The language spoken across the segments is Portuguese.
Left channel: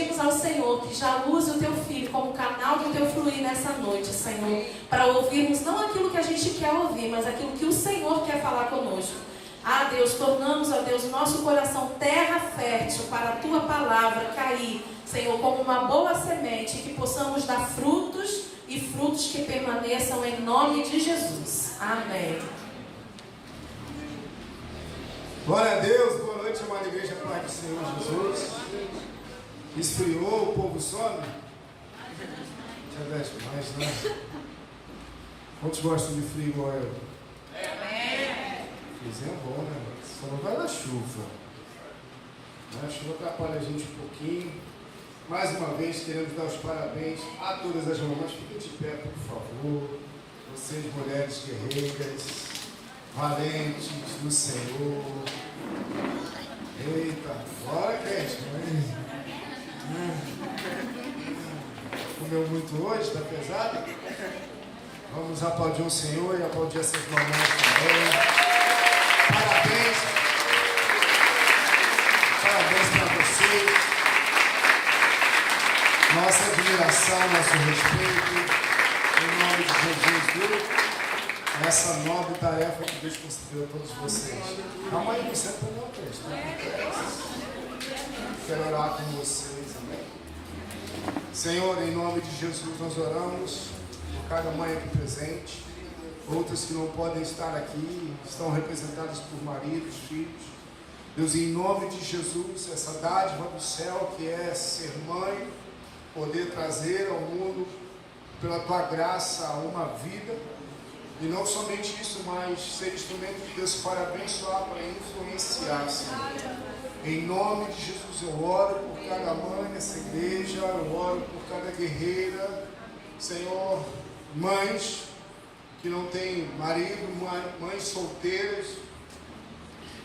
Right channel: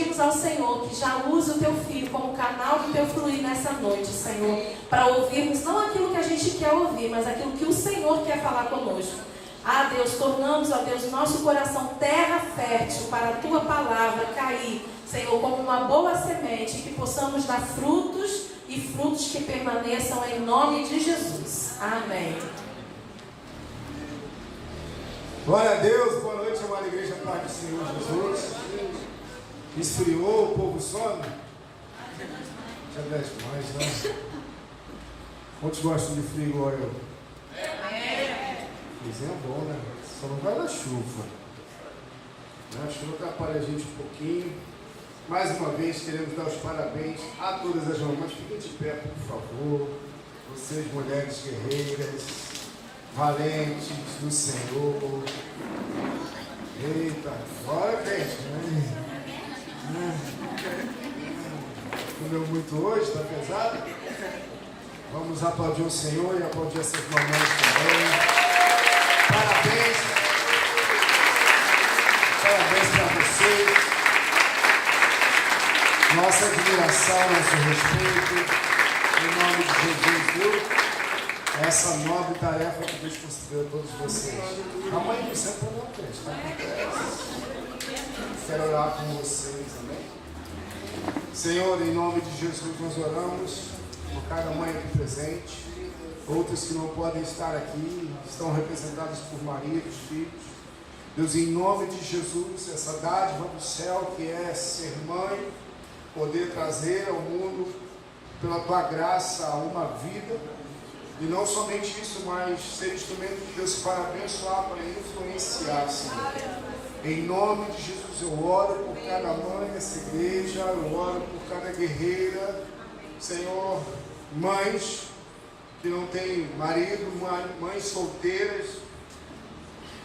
pedimos ao Senhor que já use o teu filho como canal do teu fluir nessa noite, Senhor, para ouvirmos não aquilo que a gente quer ouvir, mas aquilo que o Senhor quer falar conosco. Ah, Deus, tornamos, ó Deus, o nosso coração terra fértil para a tua palavra cair, Senhor, como uma boa semente, e que possamos dar frutos e frutos que permaneçam em nome de Jesus. Amém. Glória a Deus, boa noite, amada igreja, Pai do Senhor Jesus. Esfriou, o povo some? Já veste mais, né? Quantos gostam de frio igual eu? Friozinho é bom, né? Só não vai na chuva. A chuva atrapalha a gente um pouquinho. Mais uma vez, queremos dar os parabéns a todas as mamães. Fiquem de pé, por favor. Vocês, mulheres guerreiras, valentes do Senhor. Eita, bora, gente. Comeu muito hoje, está pesado? Vamos aplaudir o Senhor e aplaudir essas mamães também. Parabéns. Parabéns para vocês. Nossa admiração, nosso respeito. Em nome de Jesus, viu? Essa nobre tarefa que Deus concedeu a todos vocês. Amanhã não serve para não prestar. Quero orar com vocês, amém? Senhor, em nome de Jesus, nós oramos por cada mãe aqui presente. Outras que não podem estar aqui, estão representadas por maridos, filhos. Deus, em nome de Jesus, essa dádiva do céu que é ser mãe, poder trazer ao mundo, pela tua graça, uma vida. E não somente isso, mas ser instrumento de Deus para abençoar, para influenciar, Senhor. Em nome de Jesus, eu oro por cada mãe nessa igreja, eu oro por cada guerreira, Senhor, mães que não têm marido, mães solteiras,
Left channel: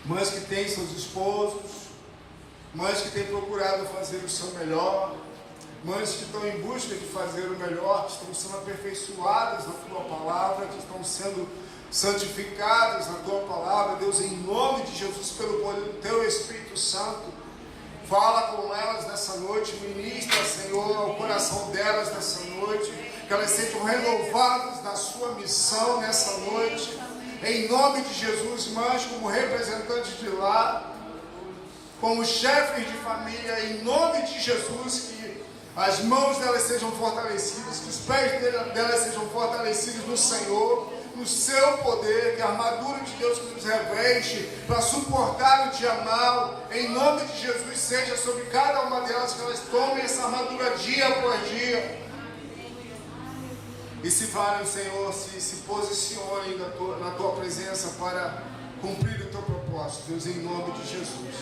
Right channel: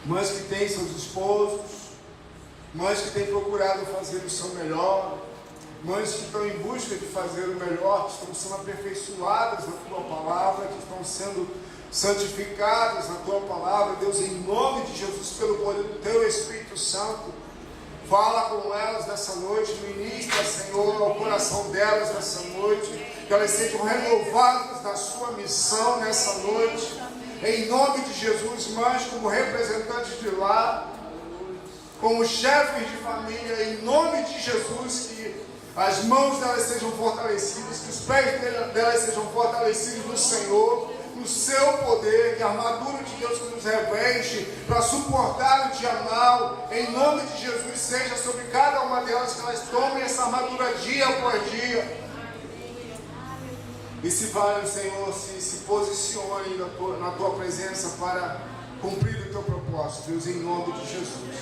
mães que têm seus esposos, mães que têm procurado fazer o seu melhor, mães que estão em busca de fazer o melhor, que estão sendo aperfeiçoadas na tua palavra, que estão sendo santificadas na tua palavra. Deus, em nome de Jesus, pelo poder do teu Espírito Santo, fala com elas nessa noite, ministra, Senhor, ao coração delas nessa noite, que elas sejam renovadas na sua missão nessa noite, em nome de Jesus. Mães como representantes de lar, como chefes de família, em nome de Jesus, que as mãos delas sejam fortalecidas, que os pés delas sejam fortalecidos no Senhor, no seu poder, que a armadura de Deus que nos reveste para suportar o dia mal, em nome de Jesus, seja sobre cada uma delas, que elas tomem essa armadura dia após dia. E se valem, Senhor, se posicionem na tua presença para cumprir o teu propósito, Deus, em nome de Jesus.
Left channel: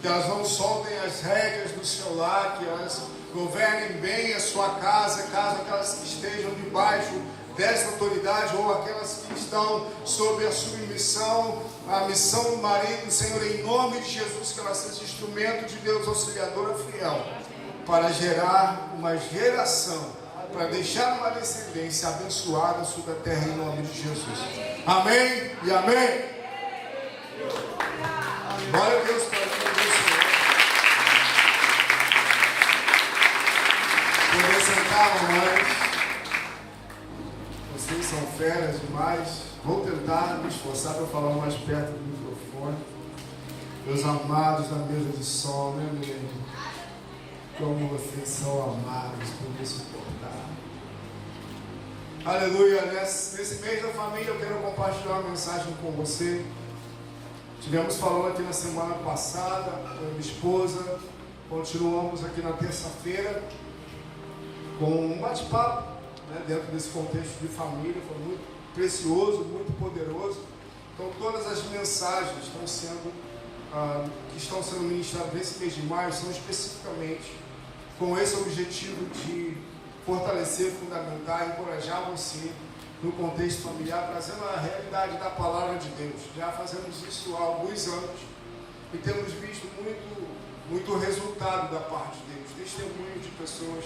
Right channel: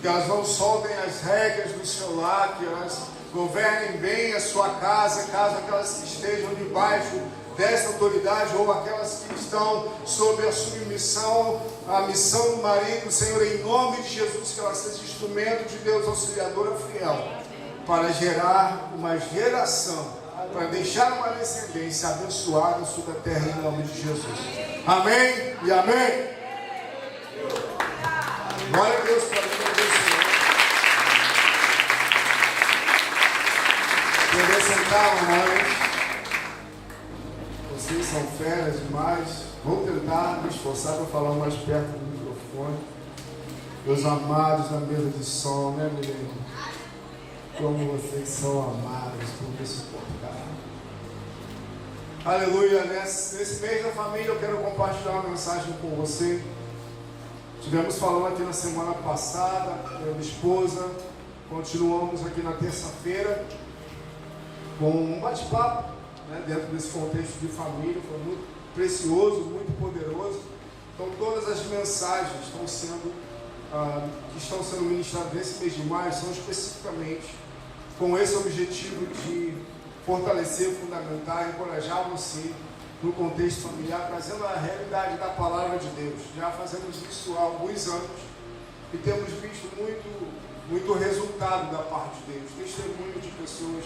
Que elas não soltem as regras do seu lar, que elas governem bem a sua casa, caso aquelas que estejam debaixo dessa autoridade ou aquelas que estão sob a submissão, a missão do marido, Senhor, em nome de Jesus, que elas sejam instrumento de Deus, auxiliadora fiel, para gerar uma geração, para deixar uma descendência abençoada sobre a terra, em nome de Jesus. Amém e amém. Glória a Deus para Senhor. Poder sentar, mamães. Vocês são feras demais. Vou tentar me esforçar para falar mais perto do microfone. Meus amados na mesa de som, né, meu irmão? Como vocês são amados por me suportar. Aleluia. Nesse mês da família eu quero compartilhar uma mensagem com você. Estivemos falando aqui na semana passada, eu e minha esposa, continuamos aqui na terça-feira com um bate-papo, né, dentro desse contexto de família. Foi muito precioso, muito poderoso. Então todas as mensagens que estão sendo ministradas nesse mês de maio são especificamente com esse objetivo de fortalecer, fundamentar, encorajar você no contexto familiar, trazendo a realidade da palavra de Deus. Já fazemos isso há alguns anos e temos visto muito resultado da parte de Deus, testemunhos de pessoas,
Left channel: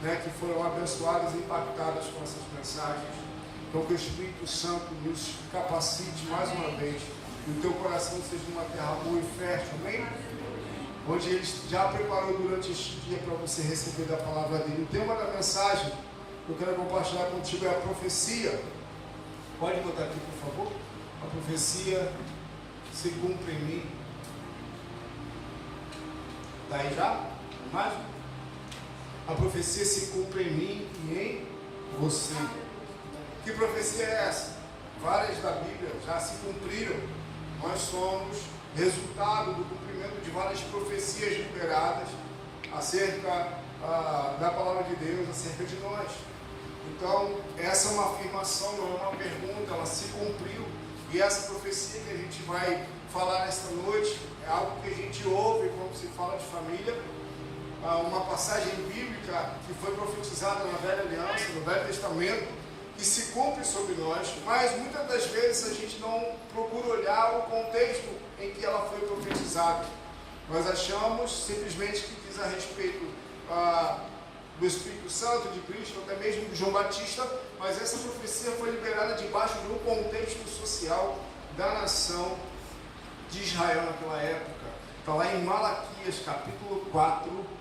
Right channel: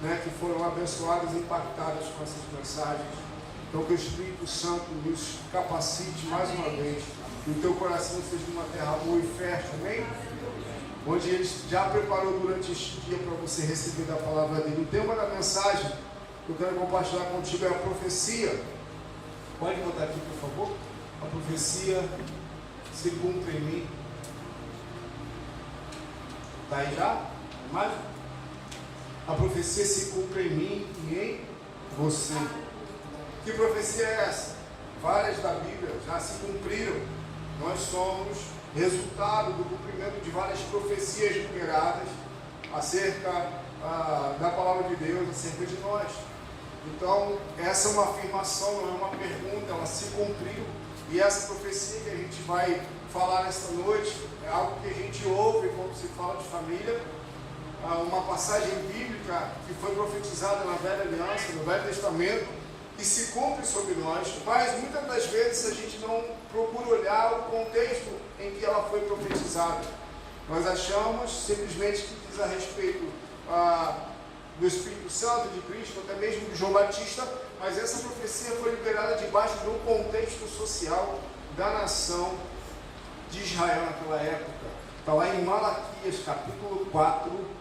né, que foram abençoadas e impactadas com essas mensagens. Então que o Espírito Santo nos capacite mais uma vez, e o teu coração seja uma terra boa e fértil, amém? onde Ele já preparou durante este dia para você receber da palavra dele. O tema da mensagem que eu quero compartilhar contigo é a profecia. Pode botar aqui, por favor? A profecia se cumpre em mim. Está aí já? Imagem? A profecia se cumpre em mim e em você. Que profecia é essa? Várias da Bíblia já se cumpriram. Nós somos resultado do cumprimento de várias profecias liberadas acerca da palavra de Deus, acerca de nós. Então, essa é uma afirmação, não é uma pergunta, ela se cumpriu. E essa profecia que a gente vai falar nesta noite é algo que a gente ouve quando se fala de família. Uma passagem bíblica que foi profetizada na Velha Aliança, no Velho Testamento, que se cumpre sobre nós, mas muitas das vezes a gente não procura olhar o contexto em que ela foi profetizada. Nós achamos simplesmente que diz a respeito do Espírito Santo, de Cristo, até mesmo de João Batista, mas essa profecia foi liberada debaixo de um contexto social da nação de Israel naquela época. Está lá em Malaquias, capítulo 4,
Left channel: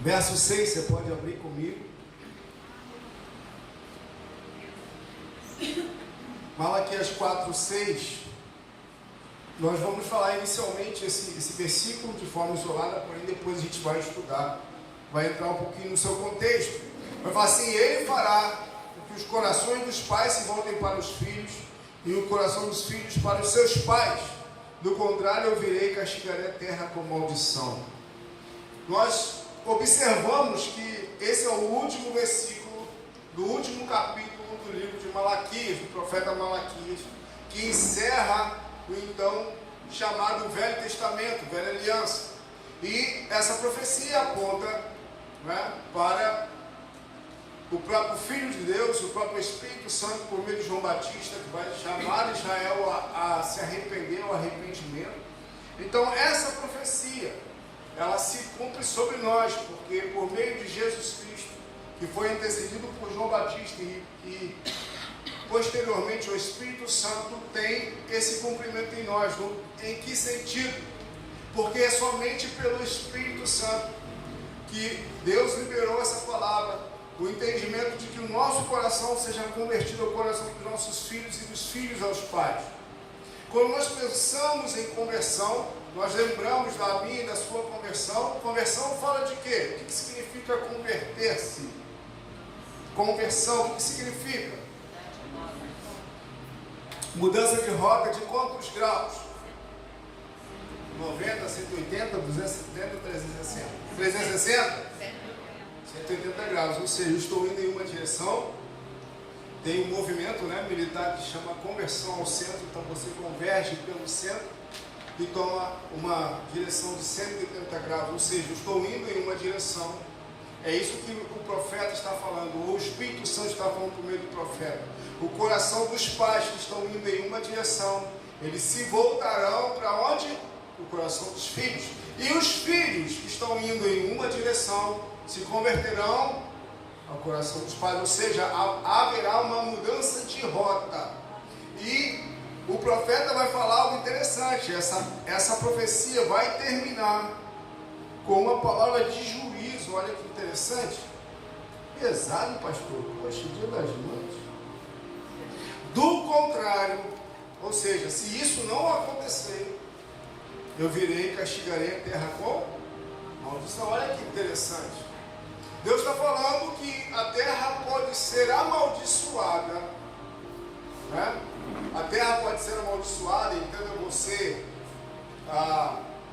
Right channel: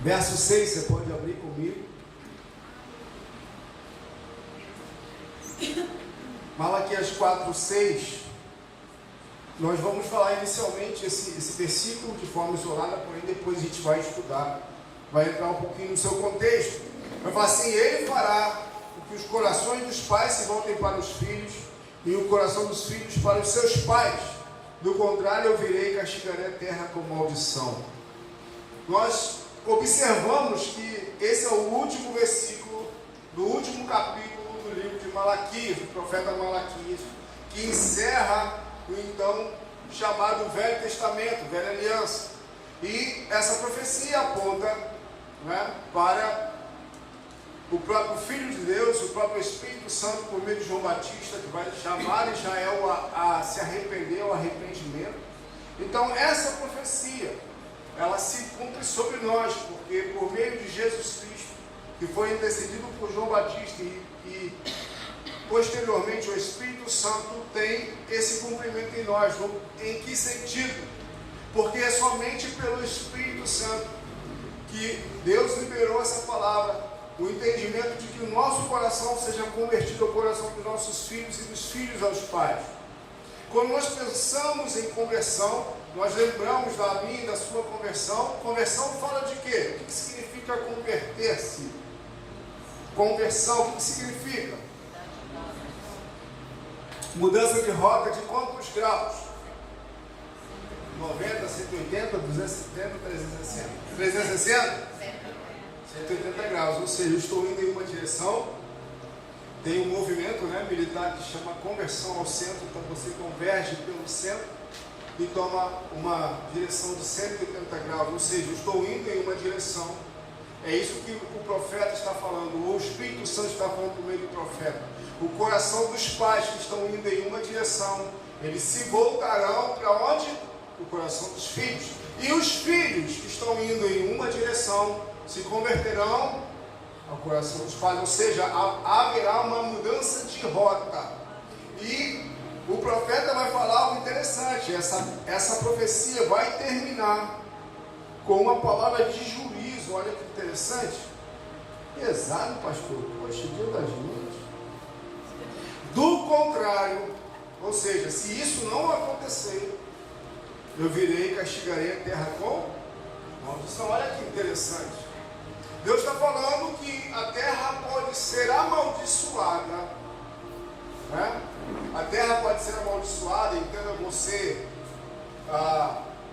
verso 6, você pode abrir comigo. Malaquias 4, 6. Nós vamos falar inicialmente esse versículo de forma isolada, porém depois a gente vai estudar, vai entrar um pouquinho no seu contexto. Vai falar assim: Ele fará com que os corações dos pais se voltem para os filhos e o coração dos filhos para os seus pais. Do contrário, eu virei e castigarei a terra com maldição. Nós observamos que esse é o último versículo do último capítulo do livro de Malaquias, do profeta Malaquias, que encerra o então chamado Velho Testamento, Velha Aliança. E essa profecia aponta, né, para o próprio Filho de Deus, o próprio Espírito Santo, por meio de João Batista, que vai chamar Israel a se arrepender, ao arrependimento. Então essa profecia, ela se cumpre sobre nós, porque por meio de Jesus Cristo, que foi intercedido por João Batista e posteriormente o Espírito Santo tem esse cumprimento em nós. Em que sentido? Porque é somente pelo Espírito Santo que Deus liberou essa palavra, o entendimento de que o nosso coração seja convertido ao coração dos nossos filhos e dos filhos aos pais. Quando nós pensamos em conversão, nós lembramos da minha e da sua conversão. Conversão fala de quê? O que significa converter-se? Conversão, o que significa? Mudança de rota de quantos graus? 90, 180, 270, 360? 360? 180 graus, ou seja, eu estou indo em uma direção. Tem um movimento, né, militar que chama conversão ao centro, então você converge pelo centro e toma uma direção de 180 graus, ou seja, eu estou indo em uma direção. É isso que o profeta está falando, o Espírito Santo está falando por meio do profeta. O coração dos pais que estão indo em uma direção, eles se voltarão para onde? O coração dos filhos. E os filhos que estão indo em uma direção se converterão ao coração dos pais, ou seja, haverá uma mudança de rota. E o profeta vai falar algo interessante. Essa profecia vai terminar com uma palavra de juízo. Olha que interessante. Pesado, pastor. Poxa, dia das mães. Do contrário, ou seja, se isso não acontecer, eu virei e castigarei a terra com maldição. Olha que interessante. Deus está falando que a terra pode ser amaldiçoada, né? A terra pode ser amaldiçoada, entenda você,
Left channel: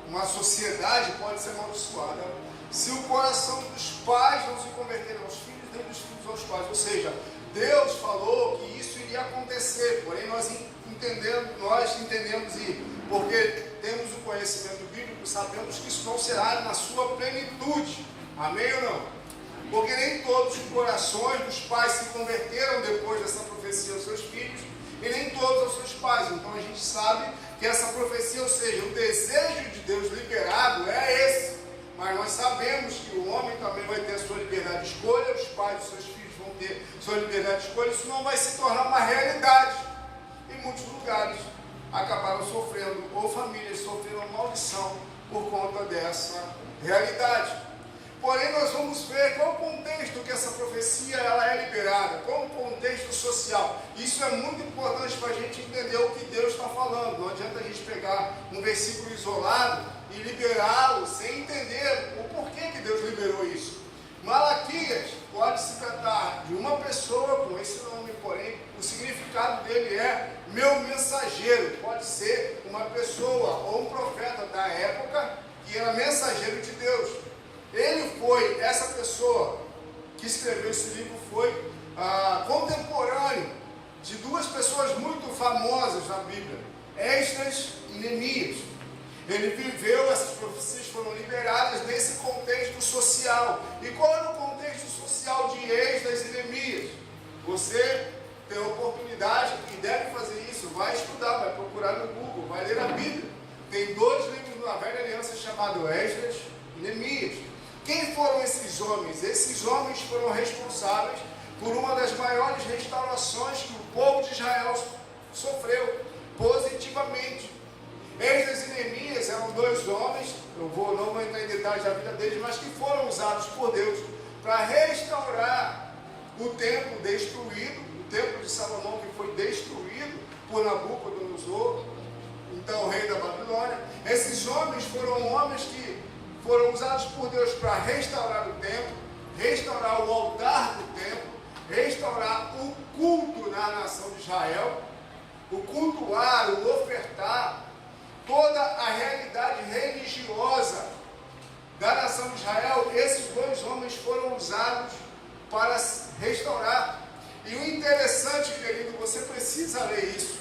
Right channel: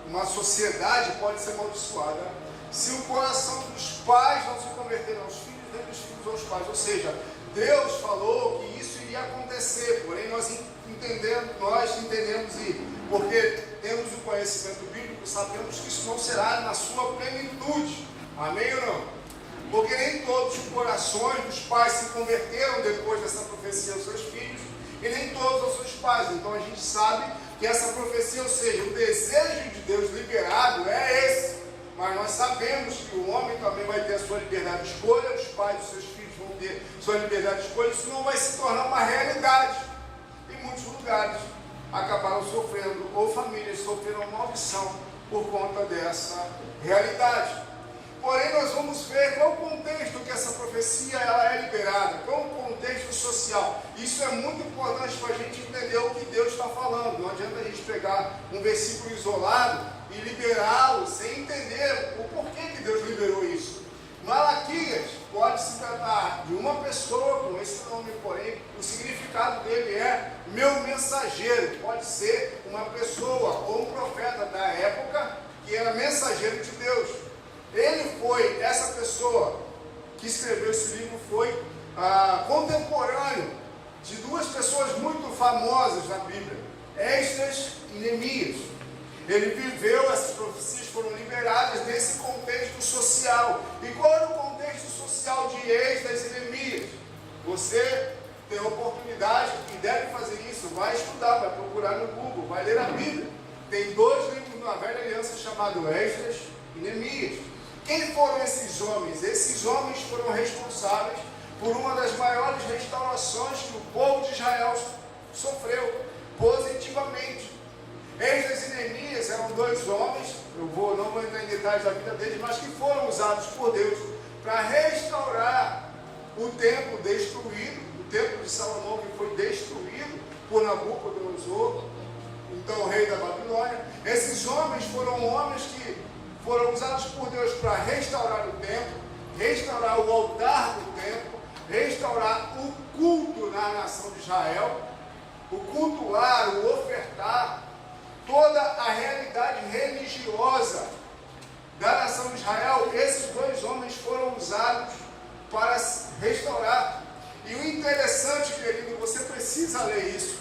uma sociedade pode ser amaldiçoada se o coração dos pais não se converter aos filhos, nem dos filhos aos pais. Ou seja, Deus falou que isso iria acontecer, porém nós entendemos e porque temos o conhecimento bíblico, sabemos que isso não será na sua plenitude. Amém ou não? Porque nem todos os corações dos pais se converteram depois dessa profecia aos seus filhos, e nem todos aos seus pais. Então a gente sabe que essa profecia, ou seja, o desejo de Deus liberado é esse. Mas nós sabemos que o homem também vai ter a sua liberdade de escolha, os pais dos seus filhos vão ter sua liberdade de escolha. Isso não vai se tornar uma realidade em muitos lugares. acabaram sofrendo, ou famílias sofreram maldição por conta dessa realidade. Porém, nós vamos ver qual o contexto que essa profecia ela é liberada, qual o contexto social. Isso é muito importante para a gente entender o que Deus está falando. Não adianta a gente pegar um versículo isolado e liberá-lo sem entender o porquê que Deus liberou isso. Malaquias pode se tratar de uma pessoa com esse nome, porém o significado dele é meu mensageiro. Pode ser uma pessoa ou um profeta da época que era mensageiro de Deus. Ele foi, essa pessoa que escreveu esse livro foi contemporâneo de duas pessoas muito famosas na Bíblia, Esdras e Neemias. Ele viveu, essas profecias foram liberadas nesse contexto social. E qual era o contexto social de Esdras e Neemias? Você tem a oportunidade e deve fazer isso, vai estudar, vai procurar no Google, vai ler a Bíblia. Tem 2 livros na Velha Aliança chamados Esdras e Neemias. Quem foram esses homens? Esses homens foram responsáveis por uma das maiores restaurações que o povo de Israel sofreu positivamente. Esdras e Neemias eram 2 homens, eu não vou entrar em detalhes da vida deles, mas que foram usados por Deus para restaurar o templo destruído, o templo de Salomão que foi destruído por Nabucodonosor, então o rei da Babilônia. Esses homens foram homens que foram usados por Deus para restaurar o templo, restaurar o altar do templo, restaurar o culto na nação de Israel, o cultuar, o ofertar, toda a realidade religiosa da nação de Israel. Esses 2 homens foram usados para restaurar. E o interessante, querido, você precisa ler isso,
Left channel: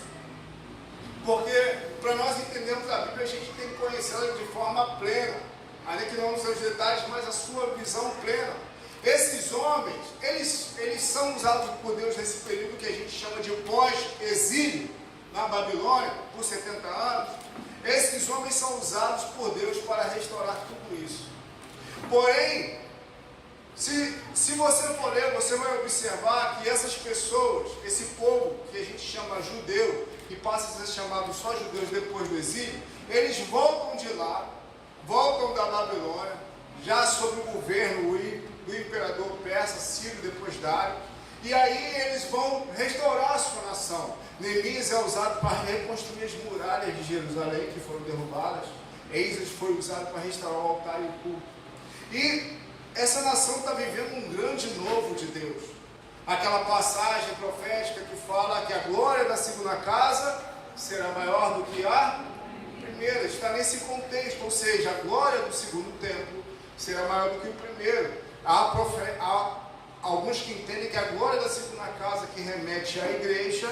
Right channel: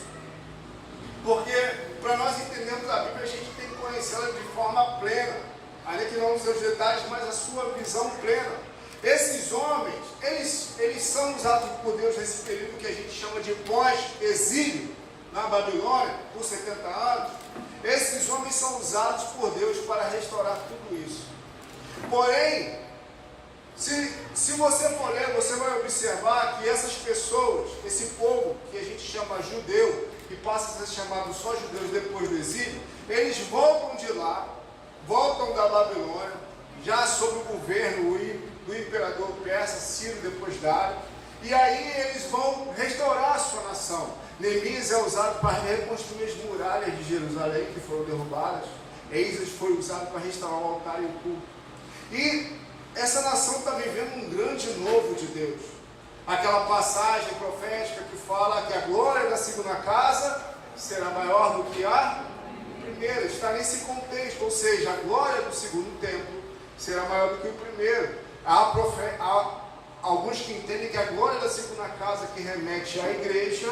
porque para nós entendermos a Bíblia, a gente tem que conhecê-la de forma plena, ainda que não nos seus detalhes, mas a sua visão plena. Esses homens, eles são usados por Deus nesse período que a gente chama de pós-exílio na Babilônia, por 70 anos. Esses homens são usados por Deus para restaurar tudo isso. Porém, se você for ler, você vai observar que essas pessoas, esse povo que a gente chama judeu, que passa a ser chamado só judeus depois do exílio, eles voltam de lá, voltam da Babilônia, já sob o governo do imperador persa, Ciro, depois Dário, e aí eles vão restaurar a sua nação. Neemias é usado para reconstruir as muralhas de Jerusalém, que foram derrubadas. Esdras foi usado para restaurar o altar e o culto. E essa nação está vivendo um grande novo de Deus. Aquela passagem profética que fala que a glória da segunda casa será maior do que a primeira. Está nesse contexto, ou seja, a glória do segundo templo será maior do que o primeiro. Há alguns que entendem que a glória da segunda casa, que remete à igreja,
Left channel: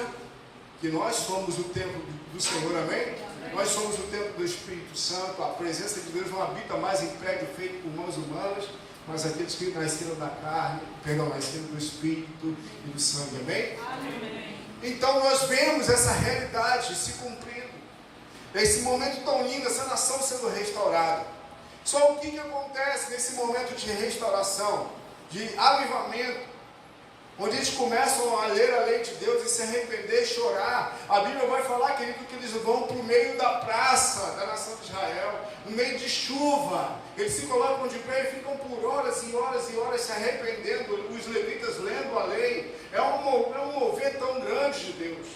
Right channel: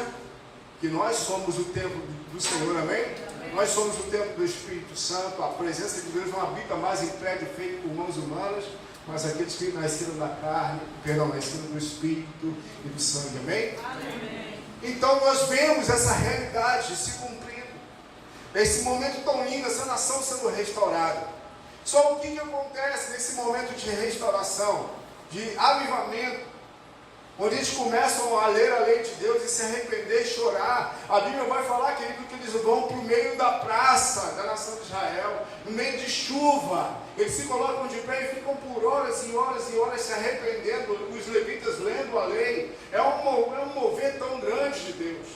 que nós somos o templo do Senhor, amém? Nós somos o templo do Espírito Santo. A presença de Deus não habita mais em prédio feito por mãos humanas, mas aqueles que nasceram da carne, nasceram do Espírito e do sangue, amém? Amém. Então nós vemos essa realidade se cumprindo, esse momento tão lindo, essa nação sendo restaurada. Só o que acontece nesse momento de restauração, de avivamento, onde eles começam a ler a lei de Deus e se arrepender e chorar? A Bíblia vai falar, querido, que eles vão para o meio da praça da nação de Israel, no meio de chuva. Eles se colocam de pé e ficam por horas e horas e horas se arrependendo, os levitas lendo a lei. É um mover tão grande de Deus.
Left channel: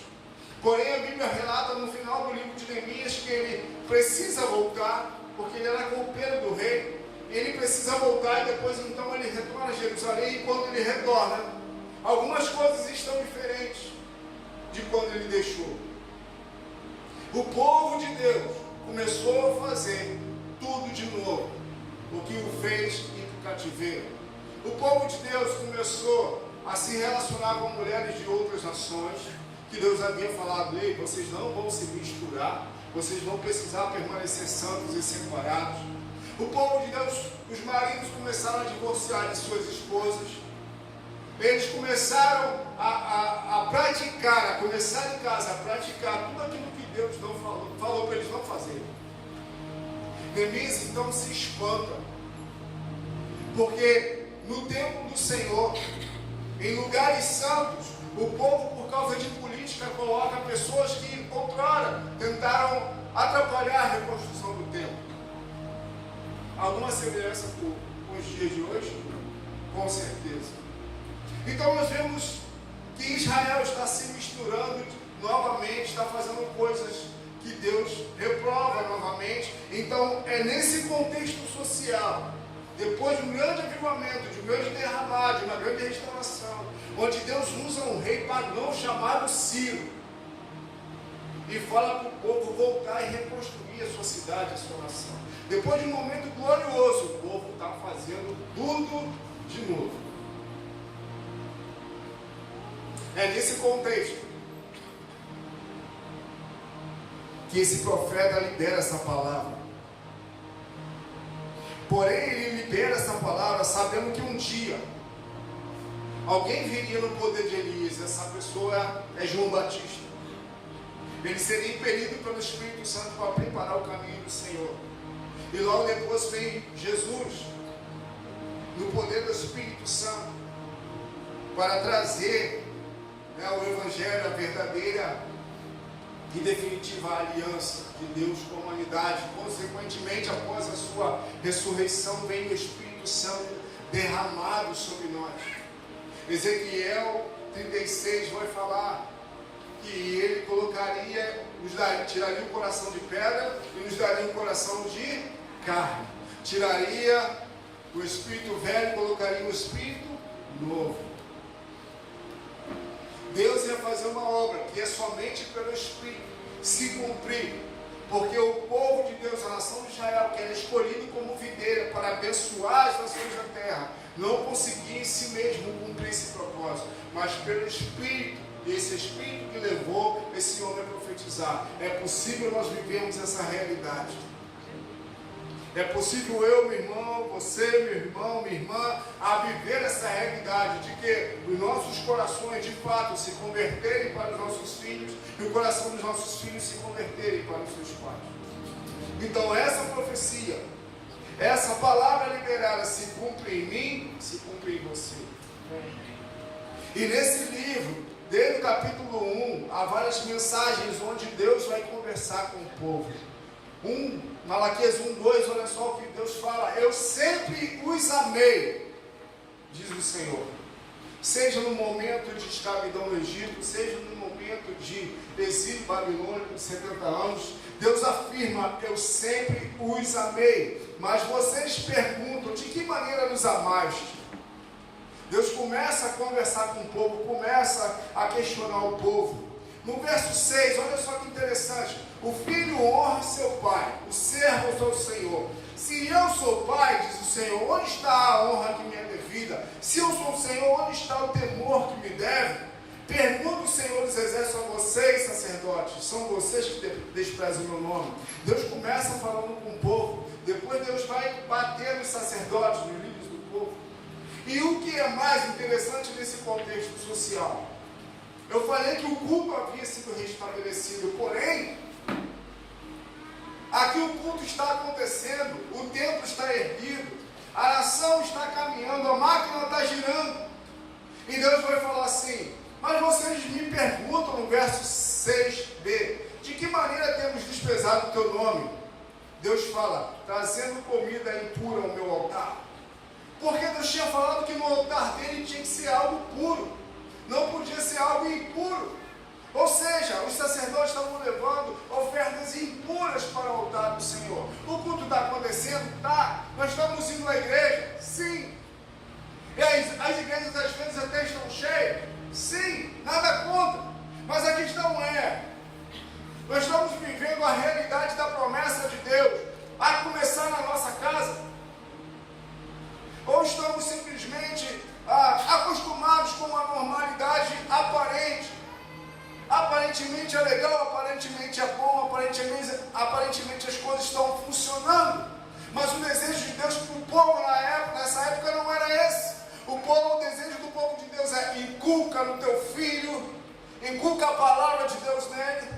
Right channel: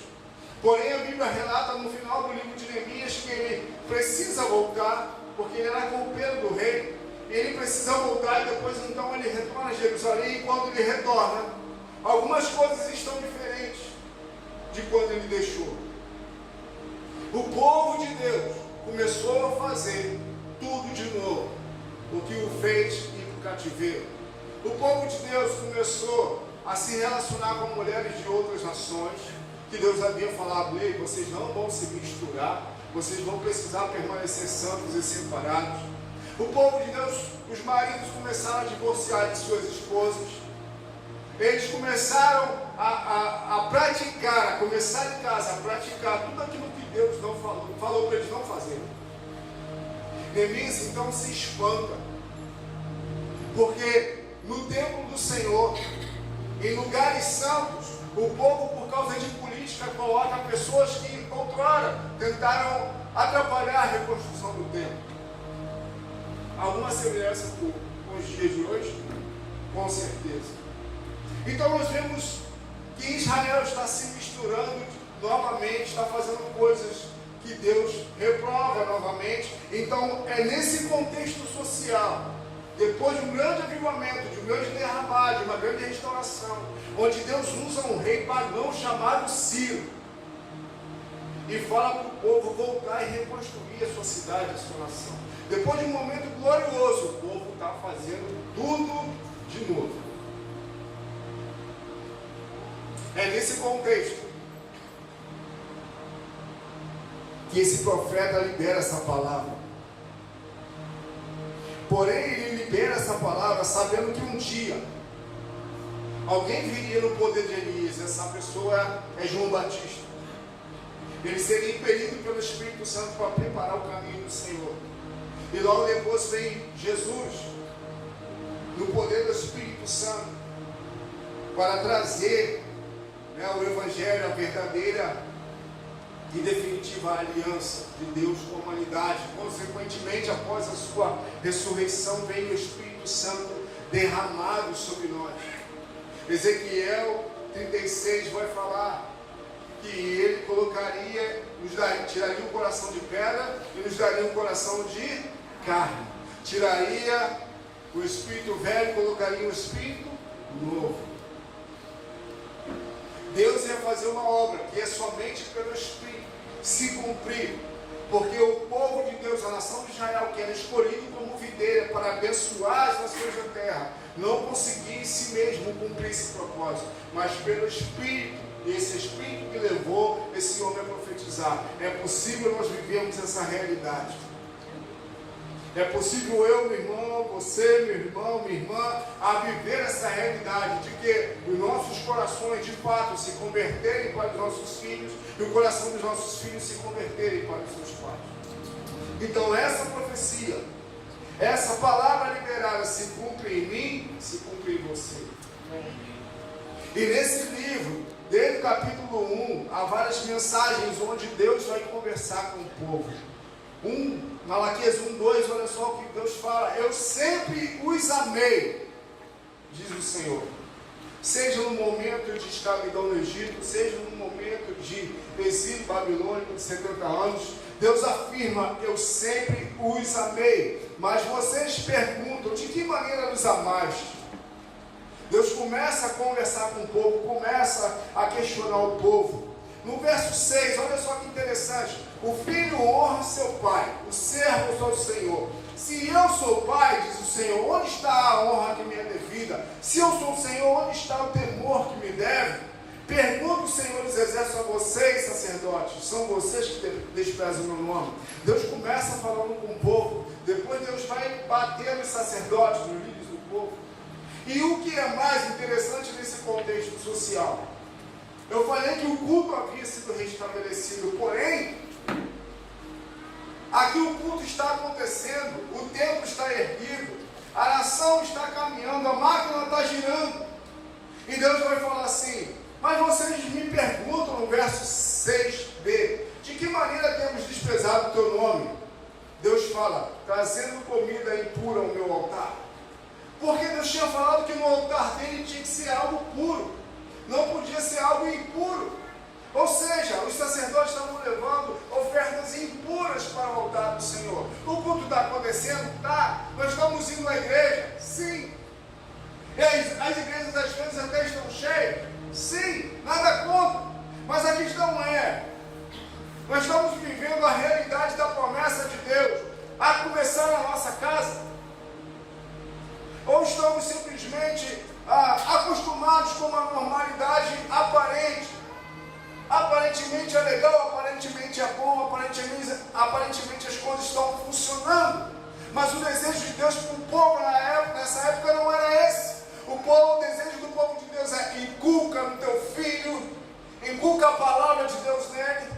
Porém, a Bíblia relata no final do livro de Neemias que ele precisa voltar, porque ele era copeiro do rei. Ele precisa voltar e depois então ele retorna a Jerusalém. E quando ele retorna, algumas coisas estão diferentes de quando ele deixou. O povo de Deus começou a fazer tudo de novo, o que o fez ir para o cativeiro. O povo de Deus começou a se relacionar com mulheres de outras nações, que Deus havia falado: ei, vocês não vão se misturar, vocês vão precisar permanecer santos e separados. O povo de Deus, os maridos começaram a divorciar de suas esposas. Eles começaram a praticar, a começar em casa, a praticar tudo aquilo que Deus não falou para eles não fazerem. Neemias então se espanta, porque no templo do Senhor, em lugares santos, o povo, por causa de política, coloca pessoas que outrora tentaram atrapalhar a reconstrução do templo. Alguma semelhança com os dias de hoje? Com certeza. Então nós vemos que Israel está se misturando novamente, está fazendo coisas que Deus reprova novamente. Então é nesse contexto social, depois de um grande avivamento, de um grande derramar, de uma grande restauração, onde Deus usa um rei pagão chamado Ciro e fala para o povo voltar e reconstruir a sua cidade, a sua nação. Depois de um momento glorioso, o povo está fazendo tudo de novo. É nesse contexto que esse profeta libera essa palavra. Porém, ele libera essa palavra sabendo que um dia alguém viria no poder de Elias. Essa pessoa é João Batista. Ele seria impelido pelo Espírito Santo para preparar o caminho do Senhor. E logo depois vem Jesus, no poder do Espírito Santo, para trazer o Evangelho, a verdadeira e definitiva aliança de Deus com a humanidade. Consequentemente, após a sua ressurreição, vem o Espírito Santo derramado sobre nós. Ezequiel 36 vai falar que ele colocaria, tiraria o coração de pedra e nos daria um coração de carne. Tiraria o espírito velho e colocaria um espírito novo. Deus ia fazer uma obra que é somente pelo Espírito se cumprir, porque o povo de Deus, a nação de Israel, que era escolhido como videira para abençoar as nações da terra, não conseguia em si mesmo cumprir esse propósito, mas pelo Espírito, e esse Espírito que levou esse homem a profetizar. É possível nós vivermos essa realidade. É possível eu, meu irmão, você, meu irmão, minha irmã, a viver essa realidade de que os nossos corações, de fato, se converterem para os nossos filhos e o coração dos nossos filhos se converterem para os seus pais. Então, essa profecia, essa palavra liberada se cumpre em mim, se cumpre em você. E nesse livro, desde o capítulo 1, há várias mensagens onde Deus vai conversar com o povo. Malaquias 1:2, olha só o que Deus fala: eu sempre os amei, diz o Senhor. Seja no momento de escravidão no Egito, seja no momento de exílio babilônico de 70 anos, Deus afirma: eu sempre os amei. Mas vocês perguntam: de que maneira os amaste? Deus começa a conversar com o povo, começa a questionar o povo. No verso 6, olha só que interessante: o filho honra seu pai, o servo ao Senhor. Se eu sou pai, diz o Senhor, onde está a honra que me é devida? Se eu sou o Senhor, onde está o temor que me deve? Pergunta o Senhor dos Exércitos a vocês, sacerdotes, são vocês que desprezam o meu nome. Deus começa falando com o povo, depois Deus vai bater nos sacerdotes, nos líderes do povo. E o que é mais interessante nesse contexto social? Eu falei que o culto havia sido restabelecido, porém, aqui o culto está acontecendo, o templo está erguido, a nação está caminhando, a máquina está girando. E Deus vai falar assim: mas vocês me perguntam no verso 6b, de que maneira temos desprezado o teu nome? Deus fala: trazendo comida impura ao meu altar. Porque Deus tinha falado que no altar dele tinha que ser algo puro, não podia ser algo impuro. Ou seja, os sacerdotes estavam levando ofertas impuras para o altar do Senhor. O culto está acontecendo? Tá. Nós estamos indo à igreja? Sim. E as igrejas às vezes até estão cheias? Sim. Nada contra. Mas a questão é: nós estamos vivendo a realidade da promessa de Deus, a começar na nossa casa? Ou estamos simplesmente acostumados com uma normalidade aparente? Aparentemente é legal, aparentemente é bom, aparentemente as coisas estão funcionando. Mas o desejo de Deus para o povo nessa época não era esse. O desejo do povo de Deus é: inculca no teu filho, inculca a palavra de Deus nele.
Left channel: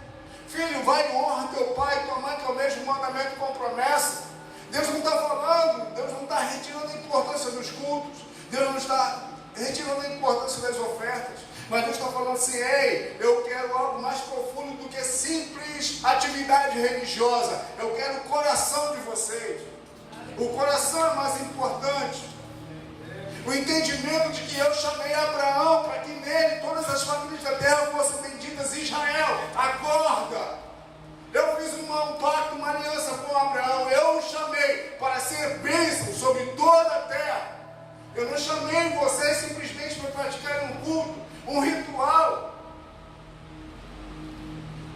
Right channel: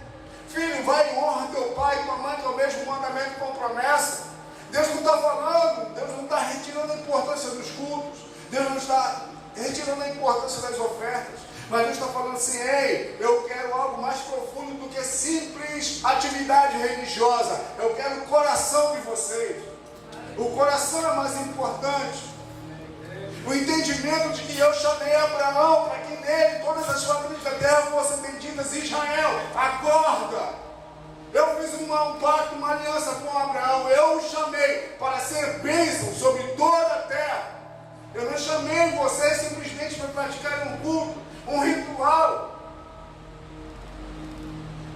Filho, vai e honra teu pai e tua mãe, que é o mesmo mandamento com promessa. Deus não está falando, Deus não está retirando a importância dos cultos, Deus não está retirando a importância das ofertas. Mas Deus está falando assim: ei, eu quero algo mais profundo do que simples atividade religiosa. Eu quero o coração de vocês. O coração é mais importante. O entendimento de que eu chamei Abraão para que nele todas as famílias da terra fossem benditas. Israel, acorda! Eu fiz um pacto, uma aliança com Abraão. Eu o chamei para ser bênção sobre toda a terra. Eu não chamei vocês simplesmente para praticar um culto, um ritual.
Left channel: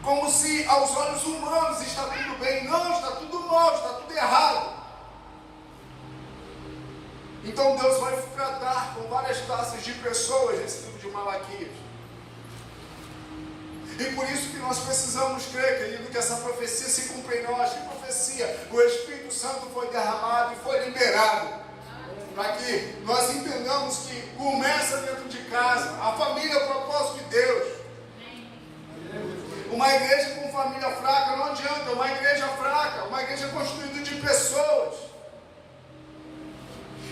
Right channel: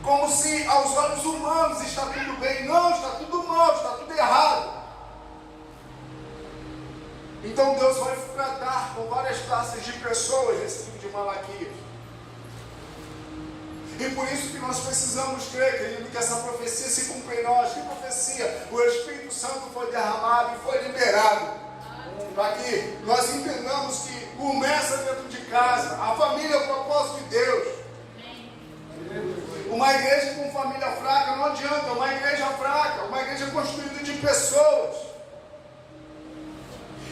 Como se aos olhos humanos está tudo bem. Não, está tudo mal, está tudo errado. Então Deus vai tratar com várias classes de pessoas nesse livro de Malaquias. E por isso que nós precisamos crer, querido, que essa profecia se cumpre em nós. Que profecia? O Espírito Santo foi derramado e foi liberado. Para que nós entendamos que começa dentro de casa. A família é o propósito de Deus. Uma igreja com família fraca não adianta. Uma igreja fraca, uma igreja construída de pessoas.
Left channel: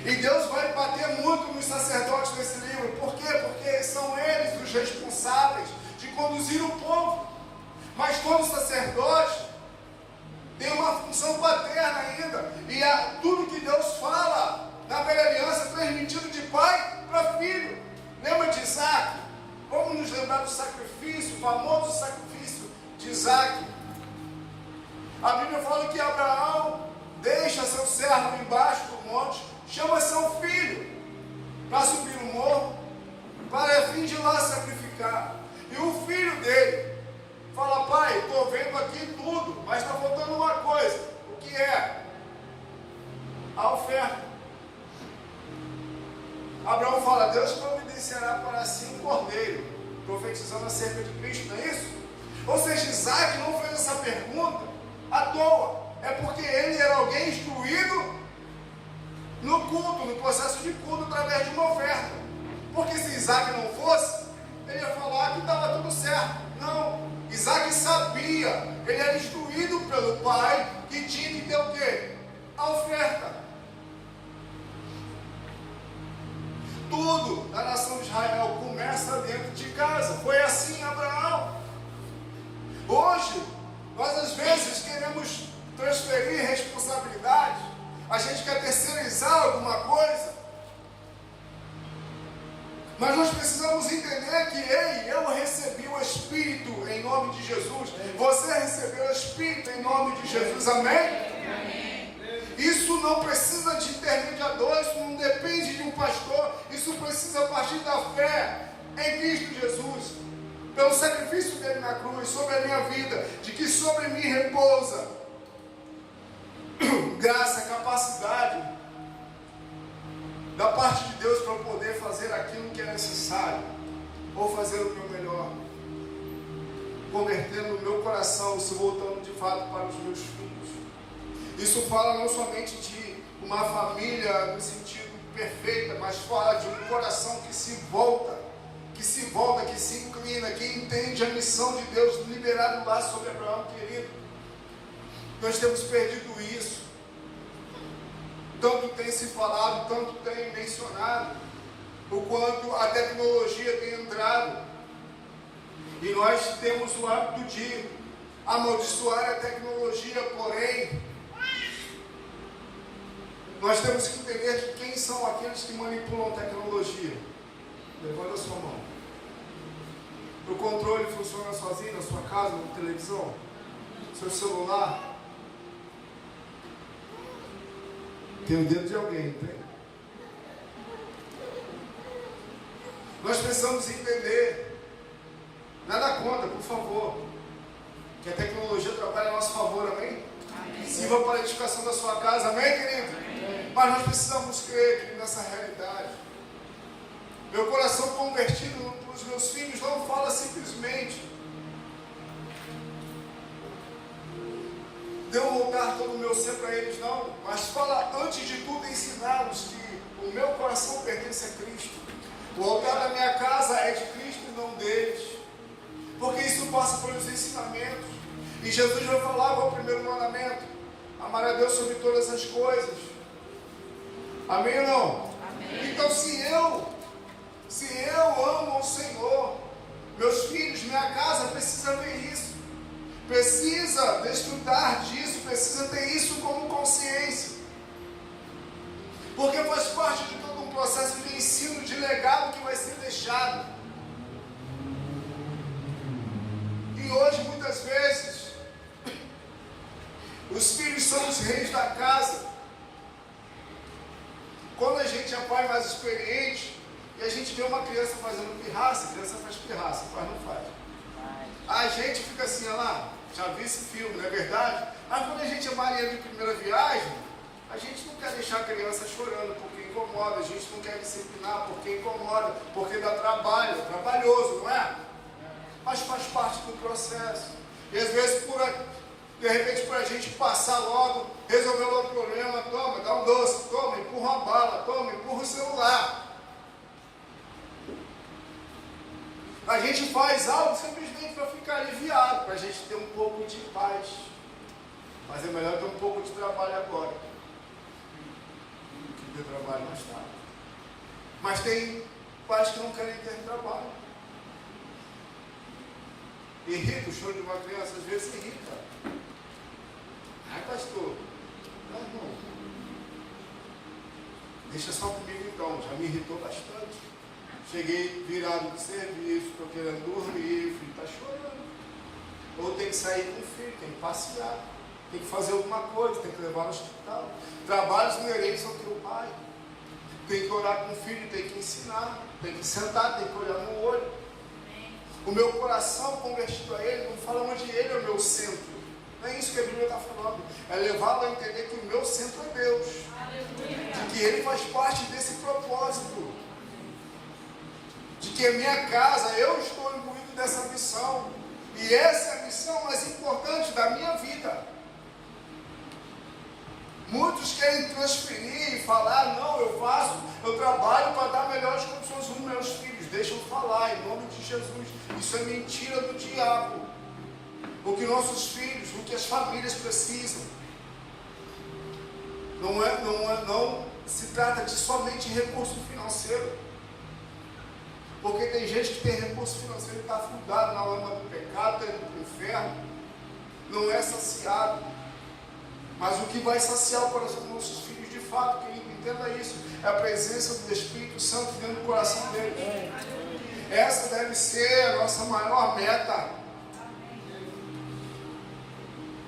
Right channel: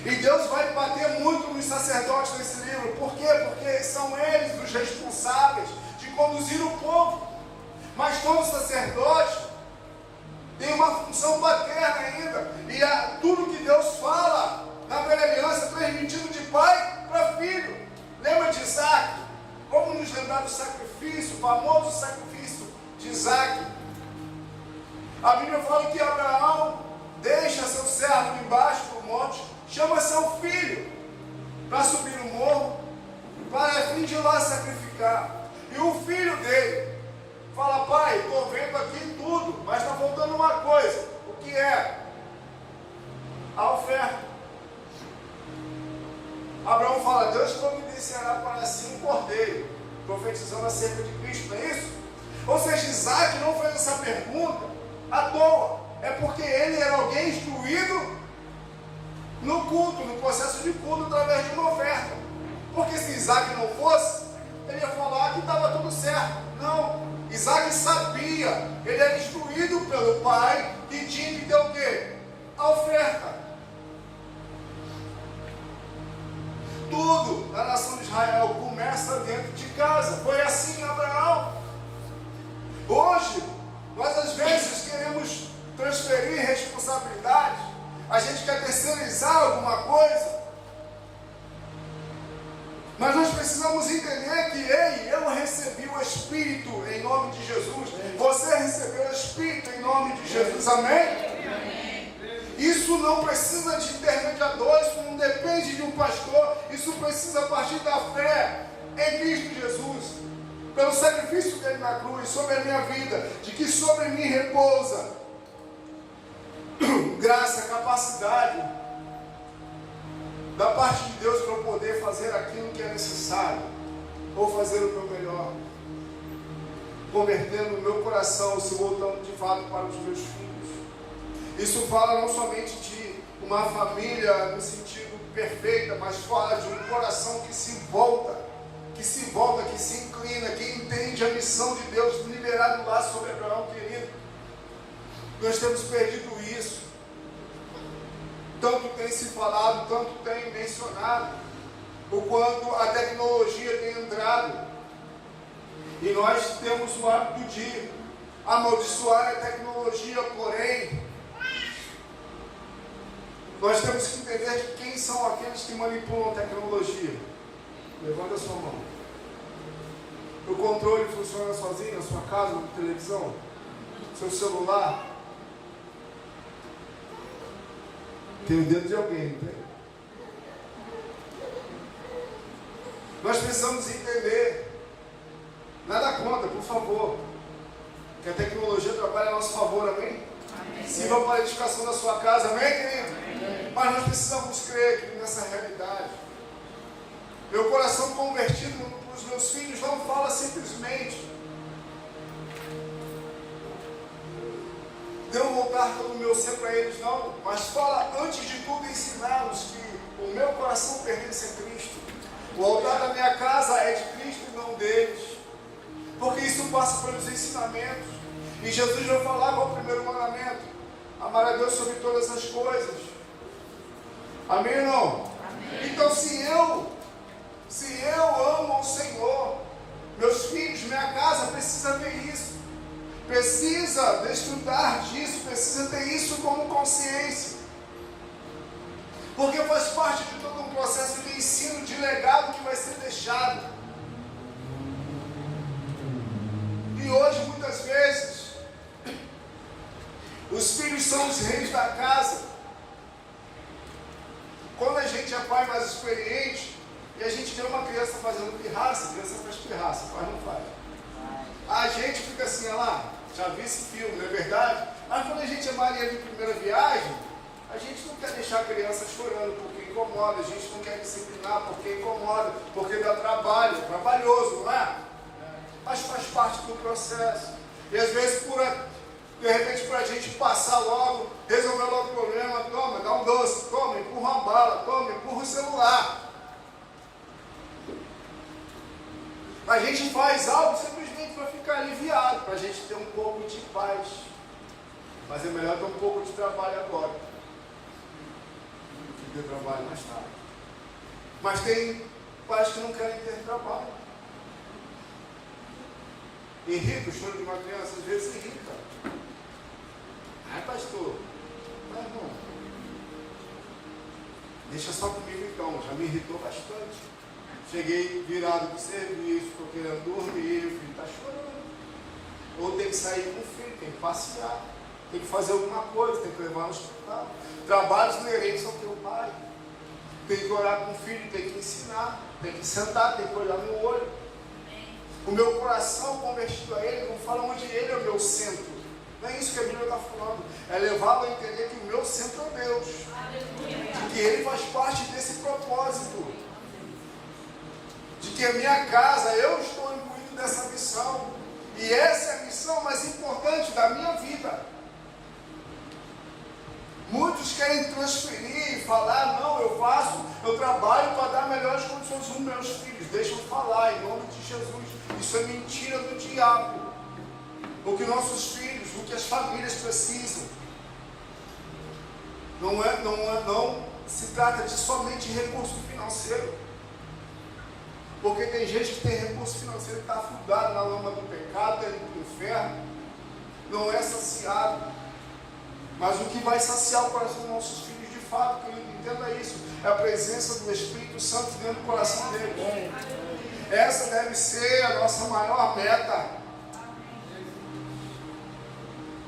E Deus vai bater muito nos sacerdotes nesse livro. Por quê? Porque são eles os responsáveis de conduzir o povo. Mas todo sacerdote tem uma função paterna ainda. E tudo que Deus fala na velha aliança é transmitido de pai para filho. Lembra de Isaac? Vamos nos lembrar do sacrifício, o famoso sacrifício de Isaac. A Bíblia fala que Abraão deixa seu servo embaixo do monte, chama seu filho para subir no morro, para a fim de ir lá sacrificar. E o filho dele fala: pai, estou vendo aqui tudo, mas está faltando uma coisa. O que é? A oferta. Abraão fala: Deus providenciará para si um cordeiro, profetizando acerca de Cristo, não é isso? Ou seja, Isaac não fez essa pergunta à toa. É porque ele era alguém instruído no culto, no processo de culto, através de uma oferta. Porque se Isaac não fosse, ele ia falar que estava tudo certo. Não, Isaac sabia, ele era instruído pelo pai, que tinha que ter o quê? A oferta. Tudo na nação de Israel começa dentro de casa. Foi assim em Abraão. Hoje, nós às vezes queremos transferir responsabilidade. A gente quer terceirizar alguma coisa. Mas nós precisamos entender que eu recebi o Espírito em nome de Jesus. Você recebeu o Espírito em nome de Jesus. Amém? Isso não precisa de intermediador, isso não depende de um pastor. Isso precisa partir da fé em Cristo Jesus. Pelo sacrifício dele na cruz, sobre a minha vida, de que sobre mim repousa graça, capacidade da parte de Deus para eu poder fazer aquilo que é necessário, ou fazer o meu melhor, convertendo o meu coração, se voltando de fato para os meus filhos. Isso fala não somente de uma família no sentido perfeita, mas fala de um coração que se volta, que se inclina, que entende a missão de Deus liberado lá sobre Abraão, querido. Nós temos perdido isso. Tanto tem se falado, tanto tem mencionado, o quanto a tecnologia tem entrado. E nós temos o hábito de amaldiçoar a tecnologia, porém, nós temos que entender de quem são aqueles que manipulam a tecnologia. Levanta a sua mão. O controle funciona sozinho na sua casa, na televisão? Seu celular? Tem o dedo de alguém, tem? Nós precisamos entender, nada contra, por favor, que a tecnologia trabalha a nosso favor, amém? Sirva para a edificação da sua casa, amém, querido? Amém. Mas nós precisamos crer, querido, nessa realidade. Meu coração convertido para os meus filhos não fala simplesmente de eu voltar todo o meu ser para eles, não, mas fala antes de tudo ensiná-los que o meu coração pertence a Cristo. O altar da minha casa é de Cristo e não deles, porque isso passa pelos ensinamentos. E Jesus já falava o primeiro mandamento: amar a Deus sobre todas as coisas. Amém ou não? Amém. Então se Se eu amo o Senhor, meus filhos, minha casa precisa ver isso. Precisa desfrutar disso, precisa ter isso como consciência. Porque faz parte de todo um processo de ensino, de legado que vai ser deixado. E hoje, muitas vezes, os filhos são os reis da casa. Quando a gente é pai mais experiente, e a gente vê uma criança fazendo pirraça, a criança faz pirraça, o pai não faz. A gente fica assim, olha lá, já vi esse filme, não é verdade? Mas quando a gente é marinheiro de primeira viagem, a gente não quer deixar a criança chorando porque incomoda, a gente não quer disciplinar porque incomoda, porque dá trabalho, é trabalhoso, não é? Mas faz parte do processo. E às vezes, de repente, para a gente passar logo, resolver logo o problema, toma, dá um doce, toma, empurra uma bala, toma, empurra o celular. A gente faz algo simplesmente para ficar aliviado, para a gente ter um pouco de paz. Mas é melhor ter um pouco de trabalho agora do que ter trabalho mais tarde. Mas tem pais que não querem ter trabalho. Irrita o choro de uma criança, às vezes irrita. Ai, pastor, mas não. Deixa só comigo então, já me irritou bastante. Cheguei virado do serviço, estou querendo dormir, o filho está chorando. Ou tem que sair com o filho, tem que passear, tem que fazer alguma coisa, tem que levar no hospital. Trabalhos inerentes ao teu pai. Tem que orar com o filho, tem que ensinar, tem que sentar, tem que olhar no olho. O meu coração convertido a Ele, não fala onde Ele é o meu centro. Não é isso que a Bíblia está falando. É levá-lo a entender que o meu centro é Deus. De que Ele faz parte desse propósito. De que a minha casa, eu estou imbuído dessa missão. E essa é a missão mais importante da minha vida. Muitos querem transferir e falar, não, eu trabalho para dar melhores condições aos meus filhos. Deixa eu falar, em nome de Jesus. Isso é mentira do diabo. O que nossos filhos, o que as famílias precisam. Não se trata de somente recurso financeiro. Porque tem gente que tem recurso financeiro e está afundado na lama do pecado, está indo para o inferno. Não é saciado. Mas o que vai saciar o coração dos nossos filhos de fato, que ele entenda isso, é a presença do Espírito Santo dentro do coração deles. Essa deve ser a nossa maior meta.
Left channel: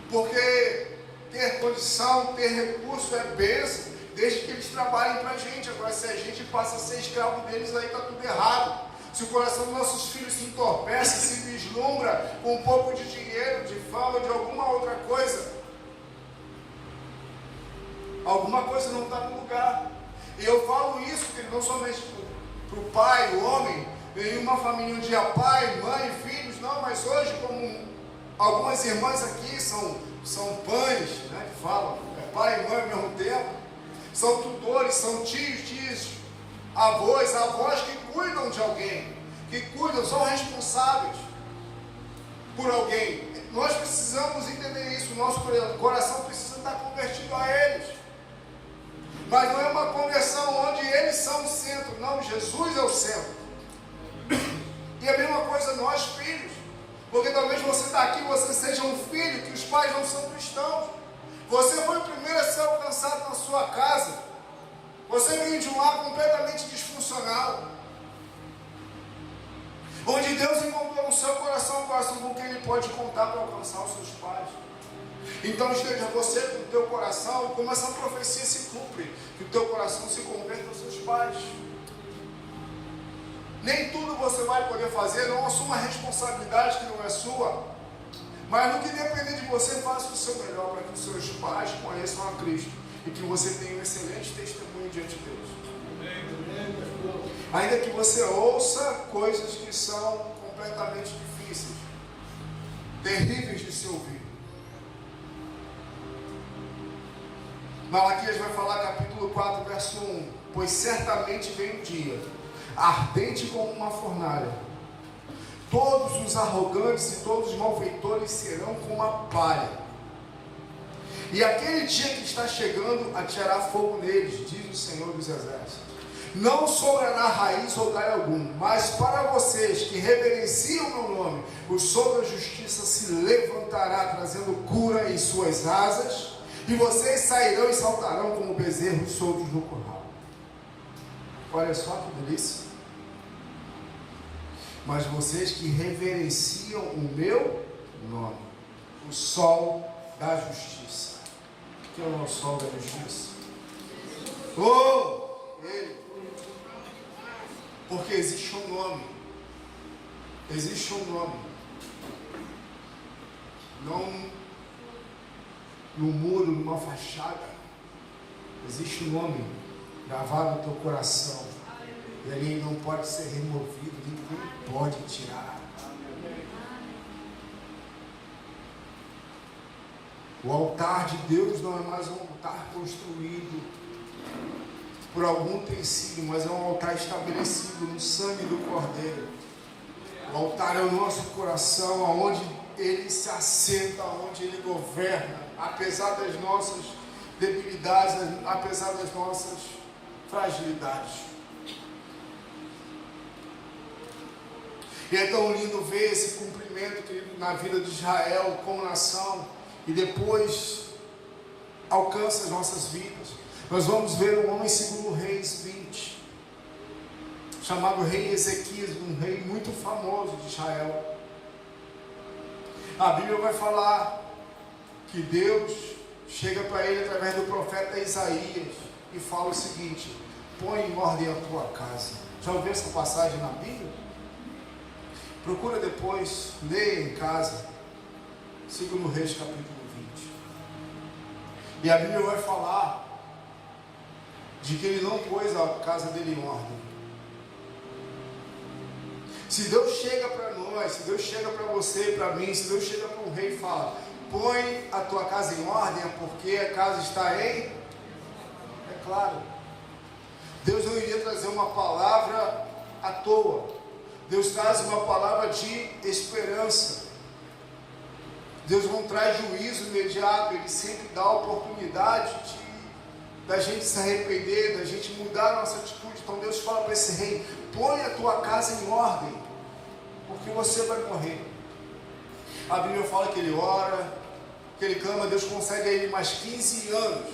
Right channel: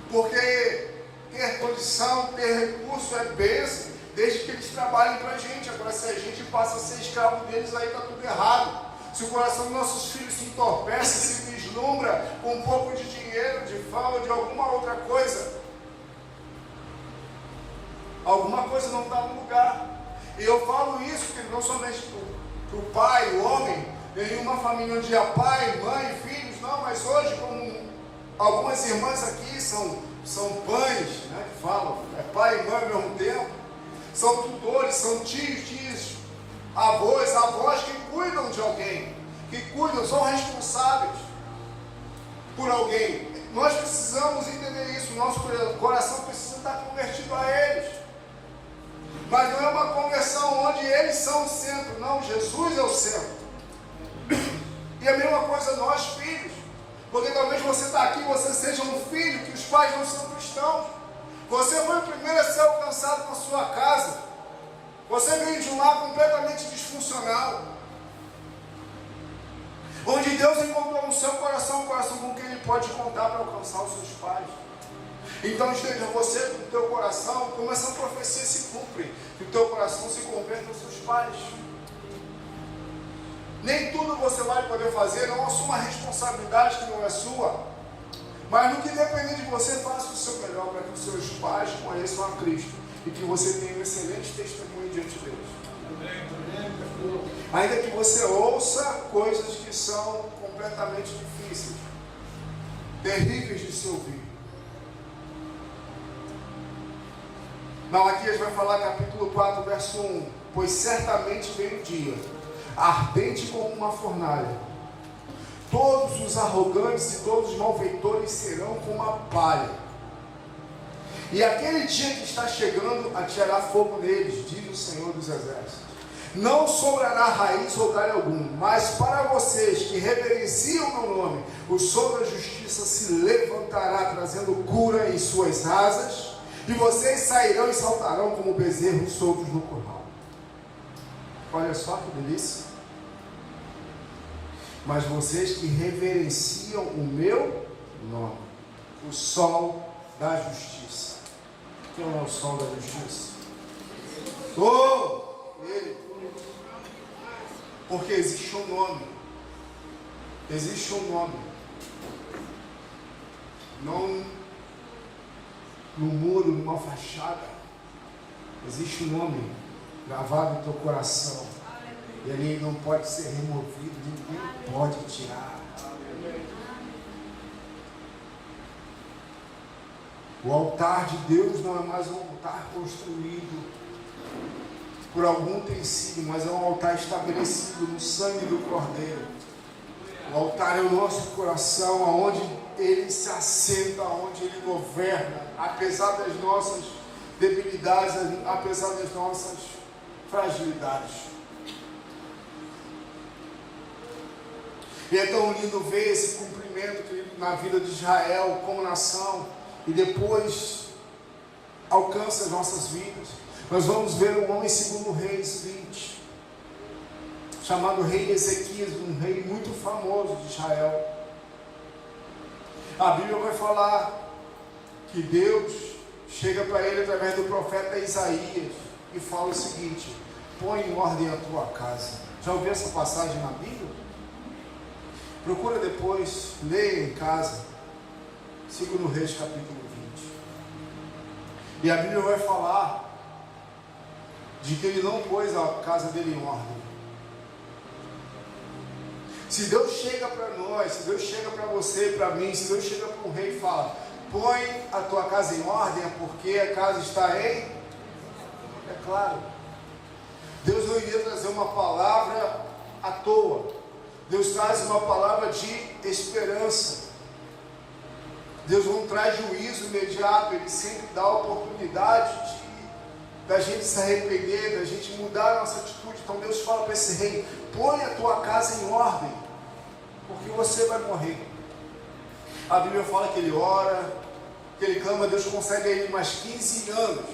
Porque ter condição, ter recurso é bênção, desde que eles trabalhem para a gente. Agora, se a gente passa a ser escravo deles, aí está tudo errado. Se o coração dos nossos filhos se entorpece, se vislumbra com um pouco de dinheiro, de fama, de alguma outra coisa, alguma coisa não está no lugar. E eu falo isso porque não somente para o pai, o homem, em uma família onde há pai, mãe, filhos, não, mas hoje, como algumas irmãs aqui são pães, né, que falam, é pai e mãe ao mesmo tempo, são tutores, são tios, avós que cuidam de alguém, que cuidam, são responsáveis por alguém. Nós precisamos entender isso, o nosso coração precisa estar convertido a eles. Mas não é uma conversão onde eles são o centro, não, Jesus é o centro. E a mesma coisa nós, filhos. Porque talvez você está aqui, você seja um filho que os pais não são cristãos. Você foi o primeiro a ser alcançado na sua casa. Você veio de um lar completamente disfuncional. Onde Deus encontrou no seu coração um coração com quem Ele pode contar para alcançar os seus pais. Então esteja você com o teu coração, como essa profecia se cumpre, que o teu coração se converta aos seus pais. Nem tudo você vai poder fazer, não assuma a responsabilidade que não é sua. Mas no que depender de você, faça o seu melhor para que os seus pais conheçam a Cristo e que você tenha um excelente testemunho diante deles. Ainda que você ouça coisas que são completamente difíceis, terríveis de se ouvir. Malaquias vai falar, capítulo 4, verso 1: pois certamente vem o dia, ardente como uma fornalha. Todos os arrogantes e todos os malfeitores serão como a palha. E aquele dia que está chegando atirará fogo neles, diz o Senhor dos Exércitos. não sobrará raiz ou galho algum, mas para vocês que reverenciam o meu nome, o sol da justiça se levantará, trazendo cura em suas asas, e vocês sairão e saltarão como bezerros soltos no curral. Olha só que delícia. Mas vocês que reverenciam o meu nome, o sol da justiça. Quem é o sol da justiça? Ele. Porque existe um nome. Existe um nome. Não no muro, numa fachada. Existe um nome gravado no teu coração. E ele não pode ser removido, ninguém pode tirar. O altar de Deus não é mais um altar construído por algum tecido, mas é um altar estabelecido no sangue do Cordeiro. O altar é o nosso coração, onde ele se assenta, onde ele governa, apesar das nossas debilidades, apesar das nossas fragilidades. E é tão lindo ver esse cumprimento na vida de Israel como nação, e depois alcança as nossas vidas. Nós vamos ver um homem segundo Reis 20, chamado rei Ezequias, um rei muito famoso de Israel. A Bíblia vai falar que Deus chega para ele através do profeta Isaías e fala o seguinte: põe em ordem a tua casa. Já ouviu essa passagem na Bíblia? Procura depois, leia em casa, segundo Reis capítulo 20. E a Bíblia vai falar de que ele não pôs a casa dele em ordem. Se Deus chega para nós, se Deus chega para você, para mim, se Deus chega para um rei e fala: põe a tua casa em ordem, é porque a casa está em... É claro, Deus não iria trazer uma palavra à toa. Deus traz uma palavra de esperança. Deus não traz juízo imediato, Ele sempre dá a oportunidade da gente se arrepender, da gente mudar a nossa atitude. Então Deus fala para esse rei: põe a tua casa em ordem, porque você vai morrer. A Bíblia fala que ele ora, que ele clama, Deus concede a ele mais 15 anos.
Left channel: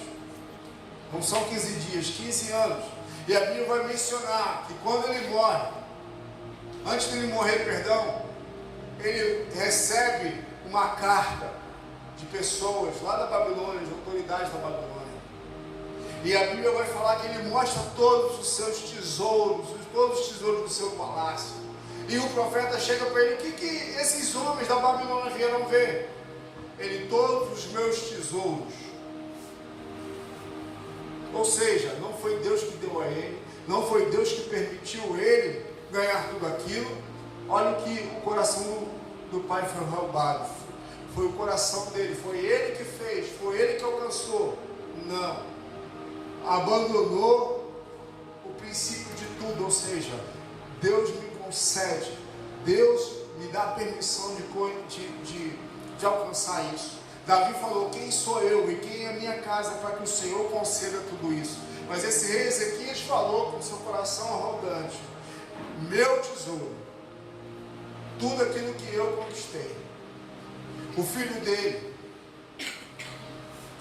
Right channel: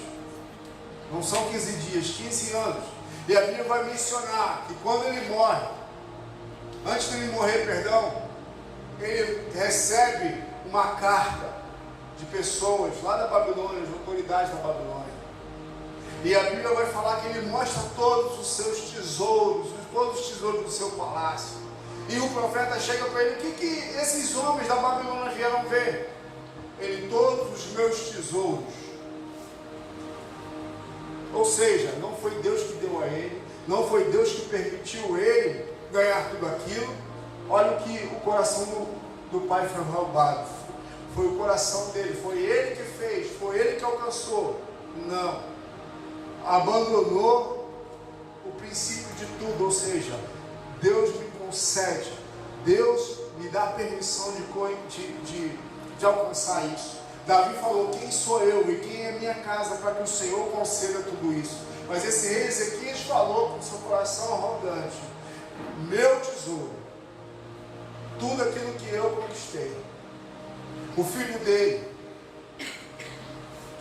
Não são 15 dias, 15 anos. E a Bíblia vai mencionar que quando ele morre, antes de ele morrer, ele recebe uma carta de pessoas lá da Babilônia, de autoridades da Babilônia. E a Bíblia vai falar que ele mostra todos os seus tesouros, todos os tesouros do seu palácio. E o profeta chega para ele: o que esses homens da Babilônia vieram ver? Ele: todos os meus tesouros. Ou seja, não foi Deus que deu a ele, não foi Deus que permitiu ele ganhar tudo aquilo. Olha o que o coração do pai foi roubado. Foi o coração dele, foi ele que fez, foi ele que alcançou. Não. Abandonou o princípio de tudo, ou seja, Deus me concede, Deus me dá a permissão de alcançar isso. Davi falou: quem sou eu e quem é a minha casa para que o Senhor conceda tudo isso? Mas esse rei Ezequias falou com seu coração arrogante: meu tesouro, tudo aquilo que eu conquistei. O filho dele,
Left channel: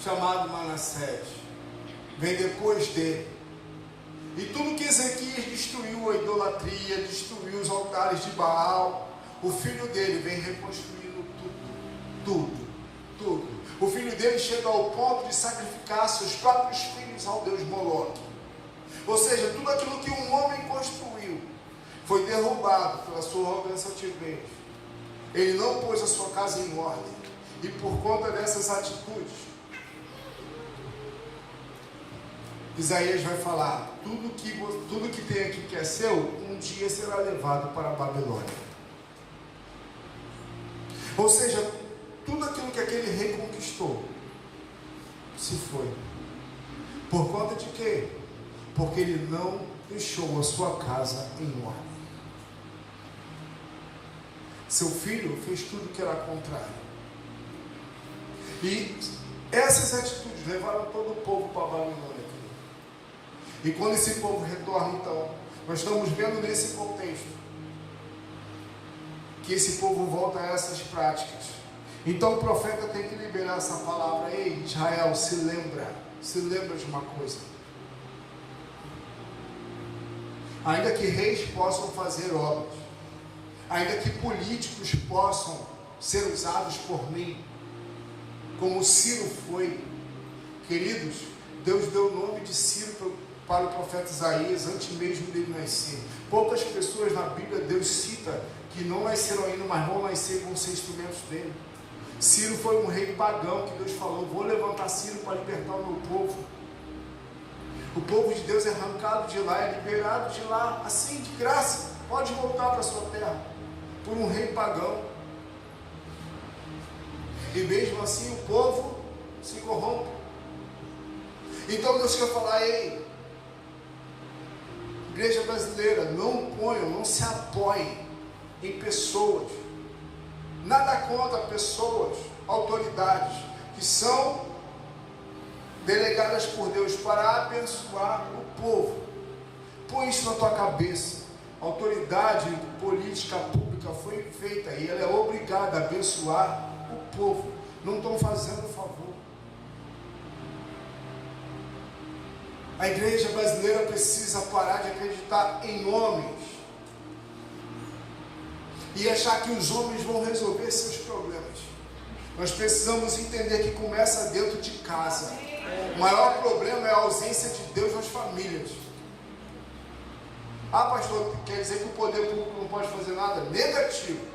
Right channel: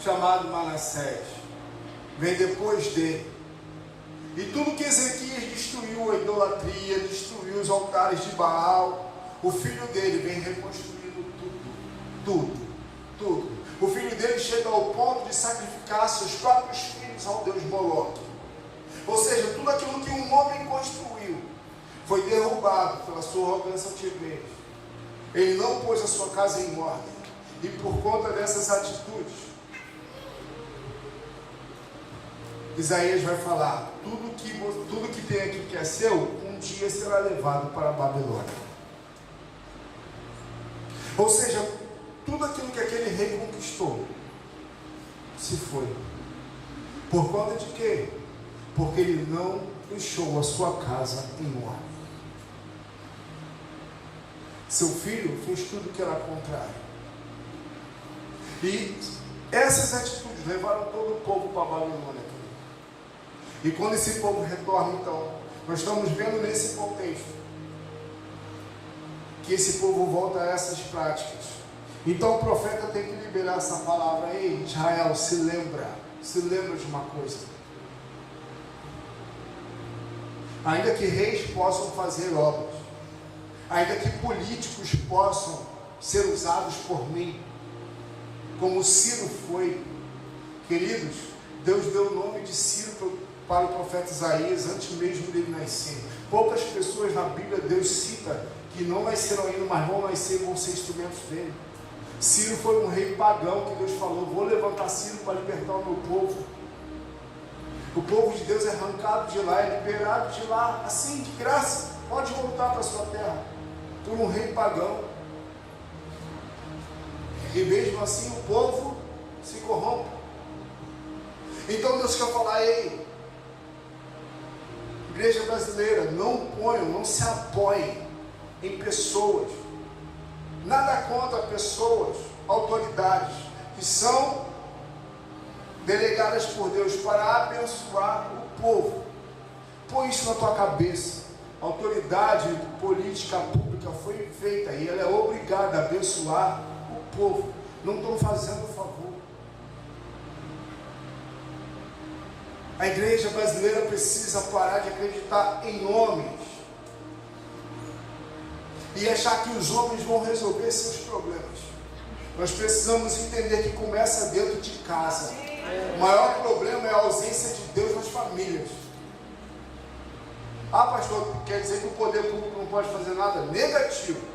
chamado Manassés, vem depois dele. E tudo que Ezequias destruiu, a idolatria, destruiu os altares de Baal, o filho dele vem reconstruindo tudo. O filho dele chega ao ponto de sacrificar seus próprios filhos ao Deus Moloque. Ou seja, tudo aquilo que um homem construiu foi derrubado pela sua arrogância timidez. Ele não pôs a sua casa em ordem. E por conta dessas atitudes, Isaías vai falar: tudo que tem aqui que é seu, um dia será levado para a Babilônia. Ou seja, tudo aquilo que aquele rei conquistou se foi. Por conta de quê? Porque ele não deixou a sua casa em ordem. Seu filho fez tudo que era contrário. E essas atitudes levaram todo o povo para a Babilônia. E quando esse povo retorna, então, nós estamos vendo nesse contexto que esse povo volta a essas práticas. Então o profeta tem que liberar essa palavra. Ei, Israel, se lembra de uma coisa. Ainda que reis possam fazer obras, ainda que políticos possam ser usados por mim, como Ciro foi, queridos, Deus deu o nome de Ciro para o profeta Isaías antes mesmo dele nascer. Poucas pessoas na Bíblia Deus cita que não nasceram ainda, mas vão nascer e vão ser instrumentos dele. Ciro foi um rei pagão que Deus falou: vou levantar Ciro para libertar o meu povo. O povo de Deus é arrancado de lá, é liberado de lá, assim, de graça. Pode voltar para a sua terra, por um rei pagão. E mesmo assim o povo se corrompe. Então Deus quer falar: ei, igreja brasileira, não se apoiem em pessoas. Nada contra pessoas, autoridades, que são delegadas por Deus para abençoar o povo. Põe isso na tua cabeça. A autoridade política pública foi feita e ela é obrigada a abençoar o povo. Não estão fazendo favor. A igreja brasileira precisa parar de acreditar em homens e achar que os homens vão resolver seus problemas. Nós precisamos entender que começa dentro de casa. O maior problema é a ausência de Deus nas famílias. Ah, pastor, quer dizer que o poder público não pode fazer nada? Negativo.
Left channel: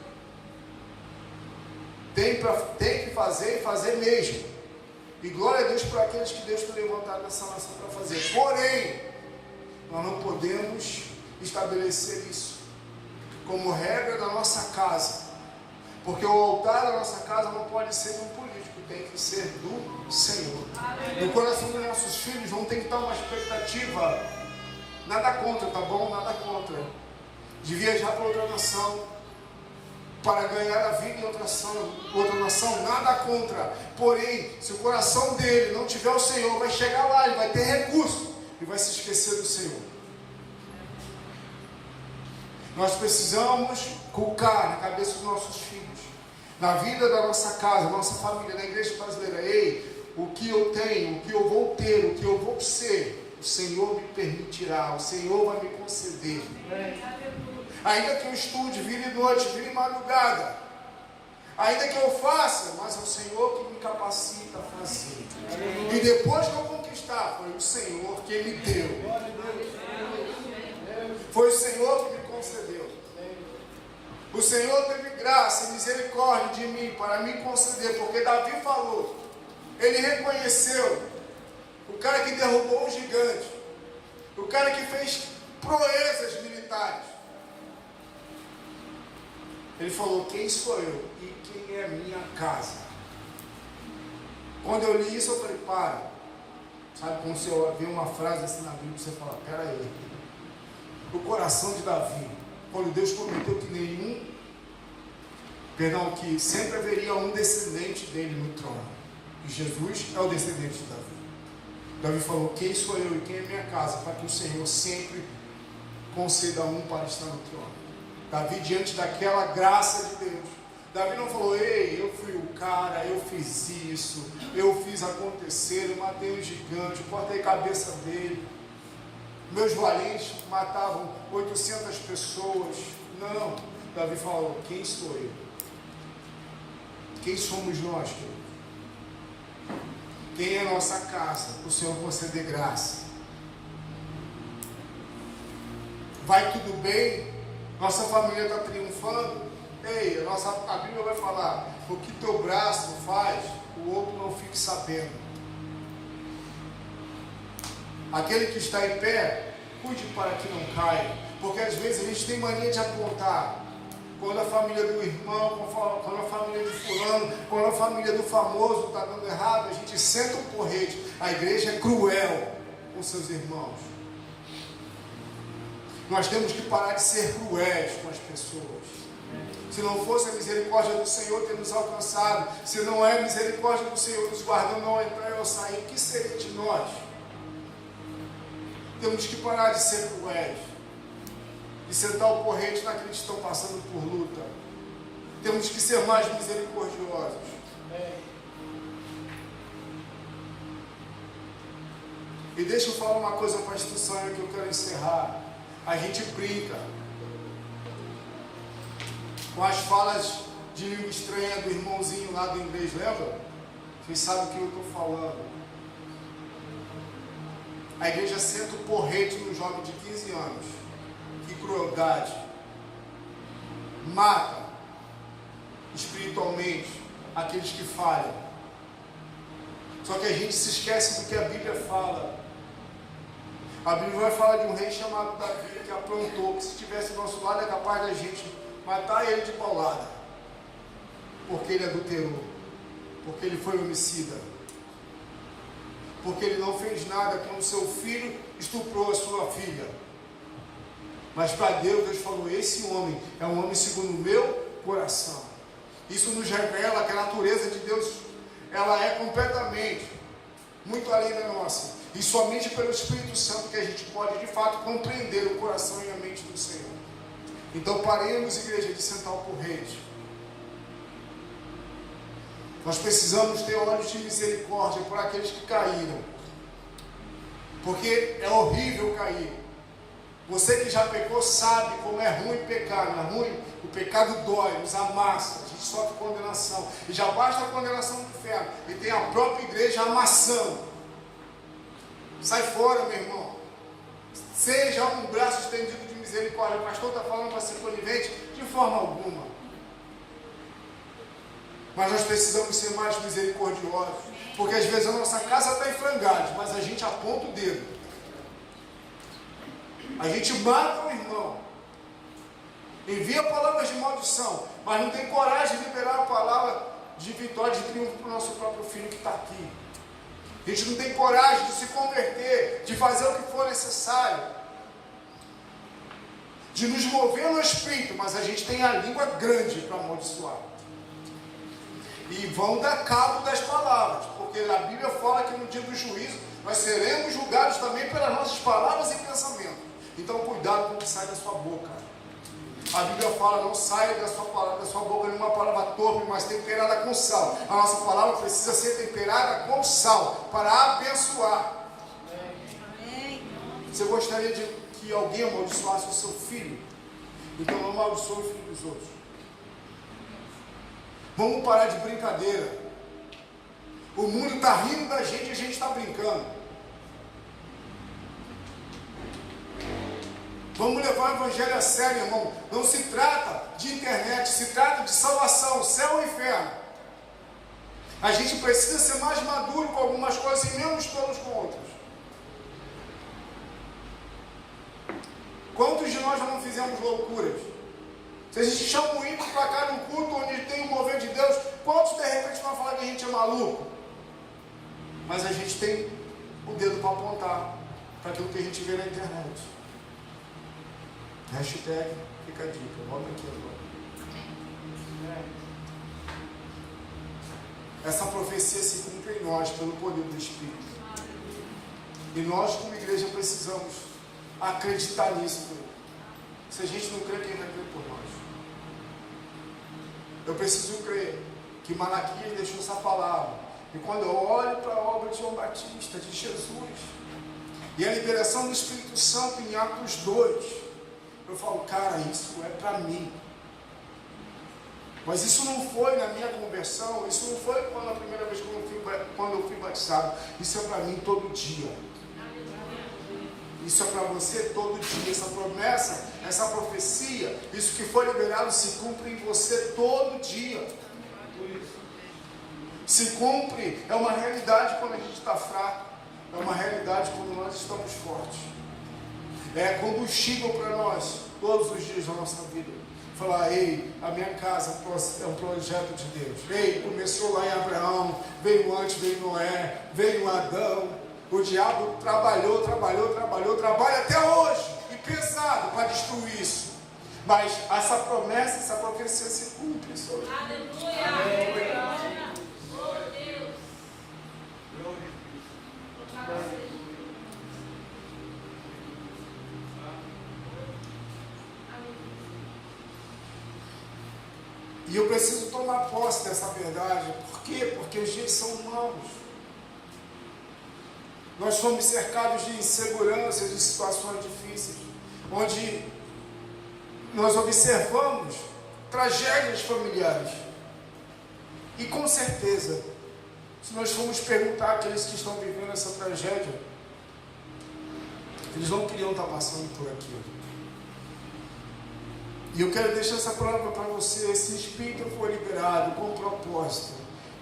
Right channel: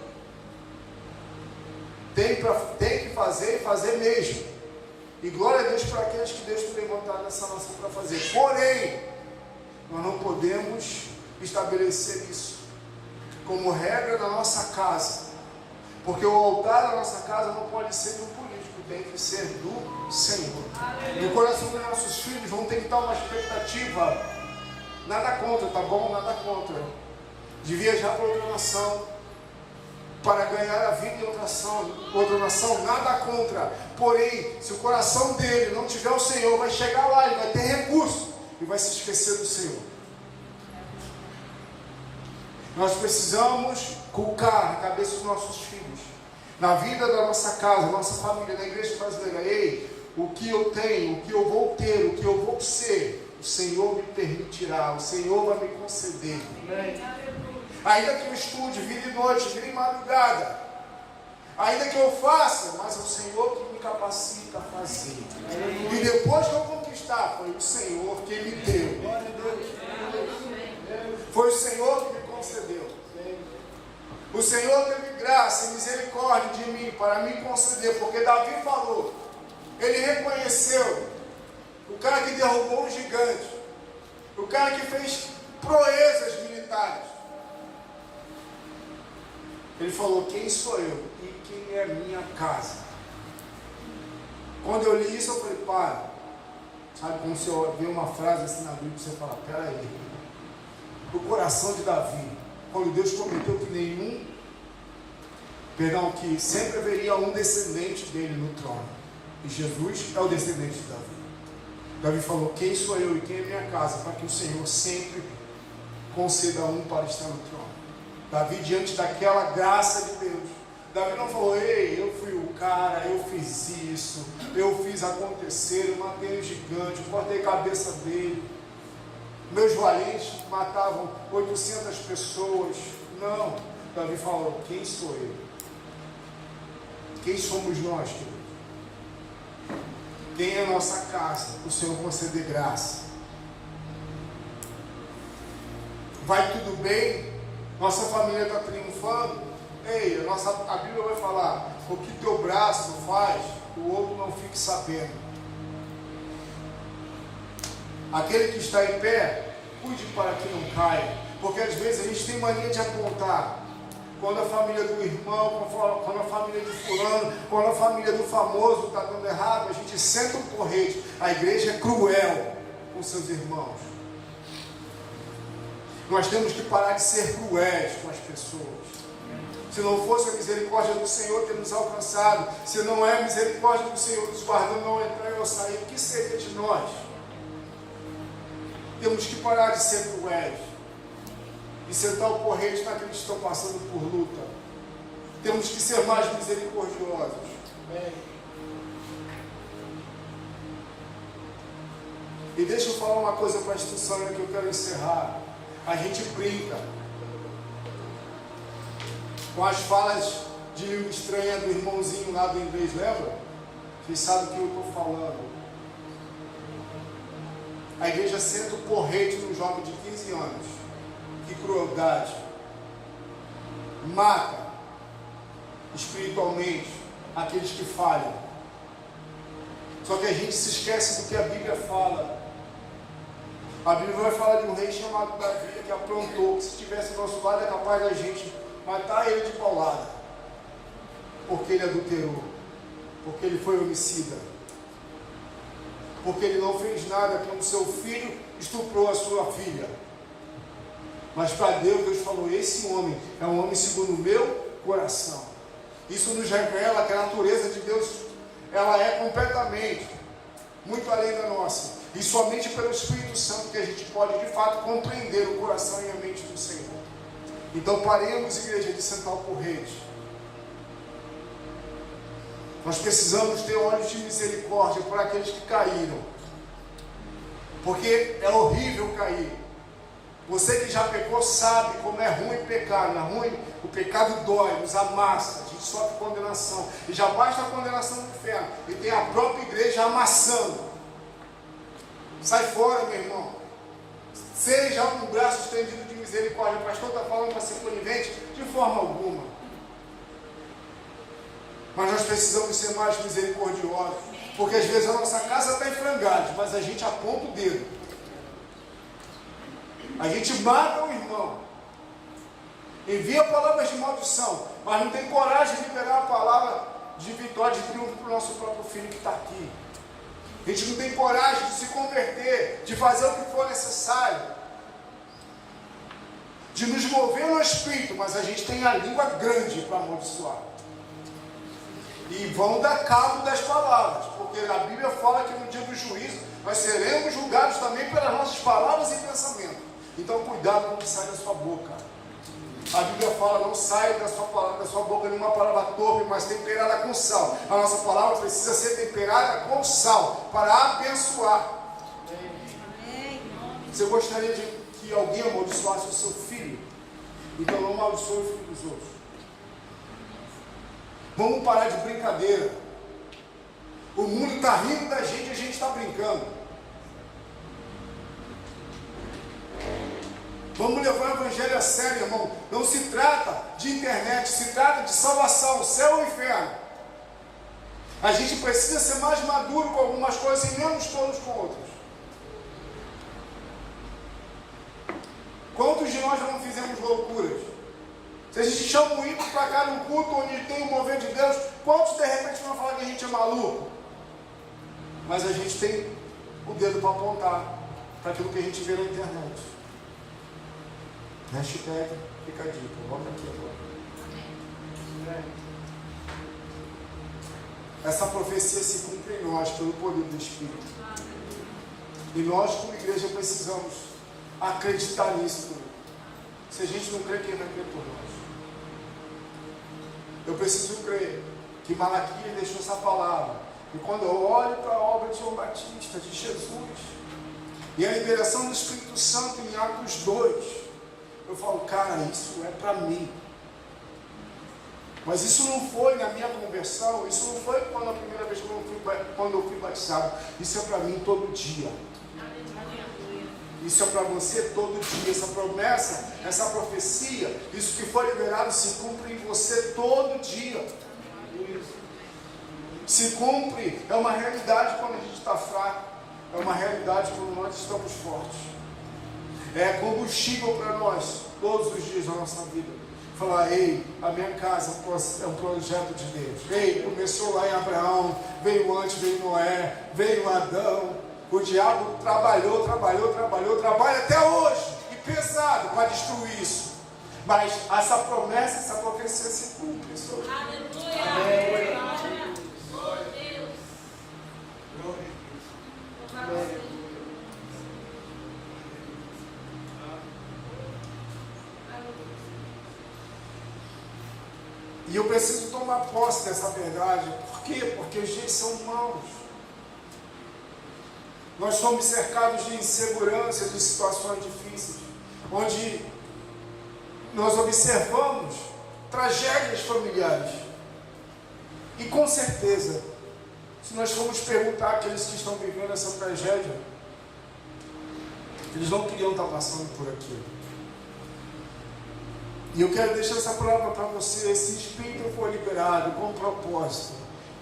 Tem que fazer e fazer mesmo. E glória a Deus por aqueles que Deus tem levantado nessa nação para fazer. Porém, nós não podemos estabelecer isso como regra da nossa casa. Porque o altar da nossa casa não pode ser do político, tem que ser do Senhor. No coração dos nossos filhos vão ter que estar uma expectativa. Nada contra, tá bom? Nada contra. De viajar para outra nação, para ganhar a vida em outra nação, nada contra. Porém, se o coração dele não tiver o Senhor, vai chegar lá, ele vai ter recurso e vai se esquecer do Senhor. Nós precisamos colocar na cabeça dos nossos filhos, na vida da nossa casa, da nossa família, da igreja brasileira: ei, o que eu tenho, o que eu vou ter, o que eu vou ser, o Senhor me permitirá, o Senhor vai me conceder. Ainda que eu estude, vire noite, vire madrugada, ainda que eu faça, mas é o Senhor que me capacita a fazer. E depois que eu conquistar, foi o Senhor que me deu. Foi o Senhor que me concedeu. O Senhor teve graça e misericórdia de mim para me conceder, porque Davi falou, ele reconheceu o cara que derrubou um gigante, o cara que fez proezas militares. Ele falou: quem sou eu e quem é minha casa? Quando eu li isso, eu falei: para. Sabe quando você vê uma frase assim na Bíblia, você fala: pera aí. O coração de Davi, quando Deus prometeu que sempre haveria um descendente dele no trono, e Jesus é o descendente de Davi. Davi falou: quem sou eu e quem é minha casa, para que o Senhor sempre conceda um para estar no trono. Davi, diante daquela graça de Deus, Davi não falou: ei, eu fui o cara, eu fiz isso, eu fiz acontecer, eu matei um gigante, eu cortei a cabeça dele, meus valentes matavam 800 pessoas. Não, Davi falou: quem sou eu? Quem somos nós, querido? Quem é a nossa casa? O Senhor conceder graça. Vai tudo bem? Nossa família está triunfando? Ei, a Bíblia vai falar: o que teu braço faz, o outro não fique sabendo. Aquele que está em pé, cuide para que não caia. Porque às vezes a gente tem mania de apontar. Quando a família do irmão, quando a família do fulano, quando a família do famoso está dando errado, a gente senta um porrete. A igreja é cruel com seus irmãos. Nós temos que parar de ser cruéis com as pessoas. Se não fosse a misericórdia do Senhor ter nos alcançado, se não é a misericórdia do Senhor nos guardando, não entrar e não sair, o que seria de nós? Temos que parar de ser cruéis, de sentar o porrete naqueles que estão passando por luta. Temos que ser mais misericordiosos. E deixa eu falar uma coisa para a instituição que eu quero encerrar. A gente brinca com as falas de língua estranha do irmãozinho lá do inglês, lembra? Vocês sabem o que eu estou falando. A igreja senta o porrete num jovem de 15 anos. Que crueldade. Mata espiritualmente aqueles que falham. Só que a gente se esquece do que a Bíblia fala. A Bíblia vai falar de um rei chamado Davi, que aprontou, que se estivesse do nosso lado é capaz de a gente matar ele de paulada. Porque ele adulterou. Porque ele foi homicida. Porque ele não fez nada quando seu filho estuprou a sua filha. Mas para Deus, Deus falou, esse homem é um homem segundo o meu coração. Isso nos revela que a natureza de Deus, ela é completamente, muito além da nossa. E somente pelo Espírito Santo que a gente pode, de fato, compreender o coração e a mente do Senhor. Então paremos, igreja, de sentar o porrete. Nós precisamos ter olhos de misericórdia por aqueles que caíram. Porque é horrível cair. Você que já pecou sabe como é ruim pecar. Não é ruim? O pecado dói, nos amassa. A gente sofre condenação. E já basta a condenação do inferno. E tem a própria igreja amassando. Sai fora, meu irmão. Seja um braço estendido de misericórdia. O pastor está falando para ser conivente? De forma alguma. Mas nós precisamos ser mais misericordiosos. Porque às vezes a nossa casa está em frangalhos, mas a gente aponta o dedo. A gente mata o irmão. Envia palavras de maldição, mas não tem coragem de liberar a palavra de vitória, de triunfo para o nosso próprio filho que está aqui. A gente não tem coragem de se converter, de fazer o que for necessário, de nos mover no espírito, mas a gente tem a língua grande para amaldiçoar. E vão dar cabo das palavras, porque a Bíblia fala que no dia do juízo nós seremos julgados também pelas nossas palavras e pensamentos. Então cuidado com o que sai da sua boca. A Bíblia fala, não sai da sua boca nenhuma palavra torpe, mas temperada com sal. A nossa palavra precisa ser temperada com sal, para abençoar. Você gostaria de que alguém amaldiçoasse o seu filho? Então não amaldiçoe o filho dos outros. Vamos parar de brincadeira. O mundo está rindo da gente e a gente está brincando. Vamos levar o evangelho a sério, irmão. Não se trata de internet, se trata de salvação, céu ou inferno. A gente precisa ser mais maduro com algumas coisas e menos tolos com outras. Quantos de nós já não fizemos loucuras? Se a gente chama um ímpio para cá num culto onde tem um mover de Deus, quantos de repente vão falar que a gente é maluco? Mas a gente tem o dedo para apontar para aquilo que a gente vê na internet. Hashtag, fica a dica, volta aqui agora. Essa profecia se cumpre em nós pelo poder do Espírito. E nós, como igreja, precisamos acreditar nisso. Se a gente não crê, quem vai crer por nós? Eu preciso crer que Malaquias deixou essa palavra. E quando eu olho para a obra de João Batista, de Jesus, e a liberação do Espírito Santo em Atos 2, eu falo, cara, isso é para mim. Mas isso não foi na minha conversão, isso não foi quando a primeira vez quando eu fui batizado. Isso é para mim todo dia. Isso é para você todo dia. Essa promessa, essa profecia, isso que foi liberado se cumpre em você todo dia. Se cumpre, é uma realidade quando a gente está fraco, é uma realidade quando nós estamos fortes. É combustível para nós, todos os dias da nossa vida. Falar, ei, a minha casa é um projeto de Deus. Ei, começou lá em Abraão, veio antes, veio Noé, veio Adão. O diabo trabalhou, trabalha até hoje, e pesado para destruir isso. Mas essa promessa, essa profecia se cumpre. Aleluia! E eu preciso tomar posse dessa verdade. Por quê? Porque os dias são maus. Nós somos cercados de inseguranças, de situações difíceis, onde nós observamos tragédias familiares. E com certeza, se nós formos perguntar àqueles que estão vivendo essa tragédia, eles não queriam estar passando por aquilo. E eu quero deixar essa palavra para você. Se espírito for liberado com propósito,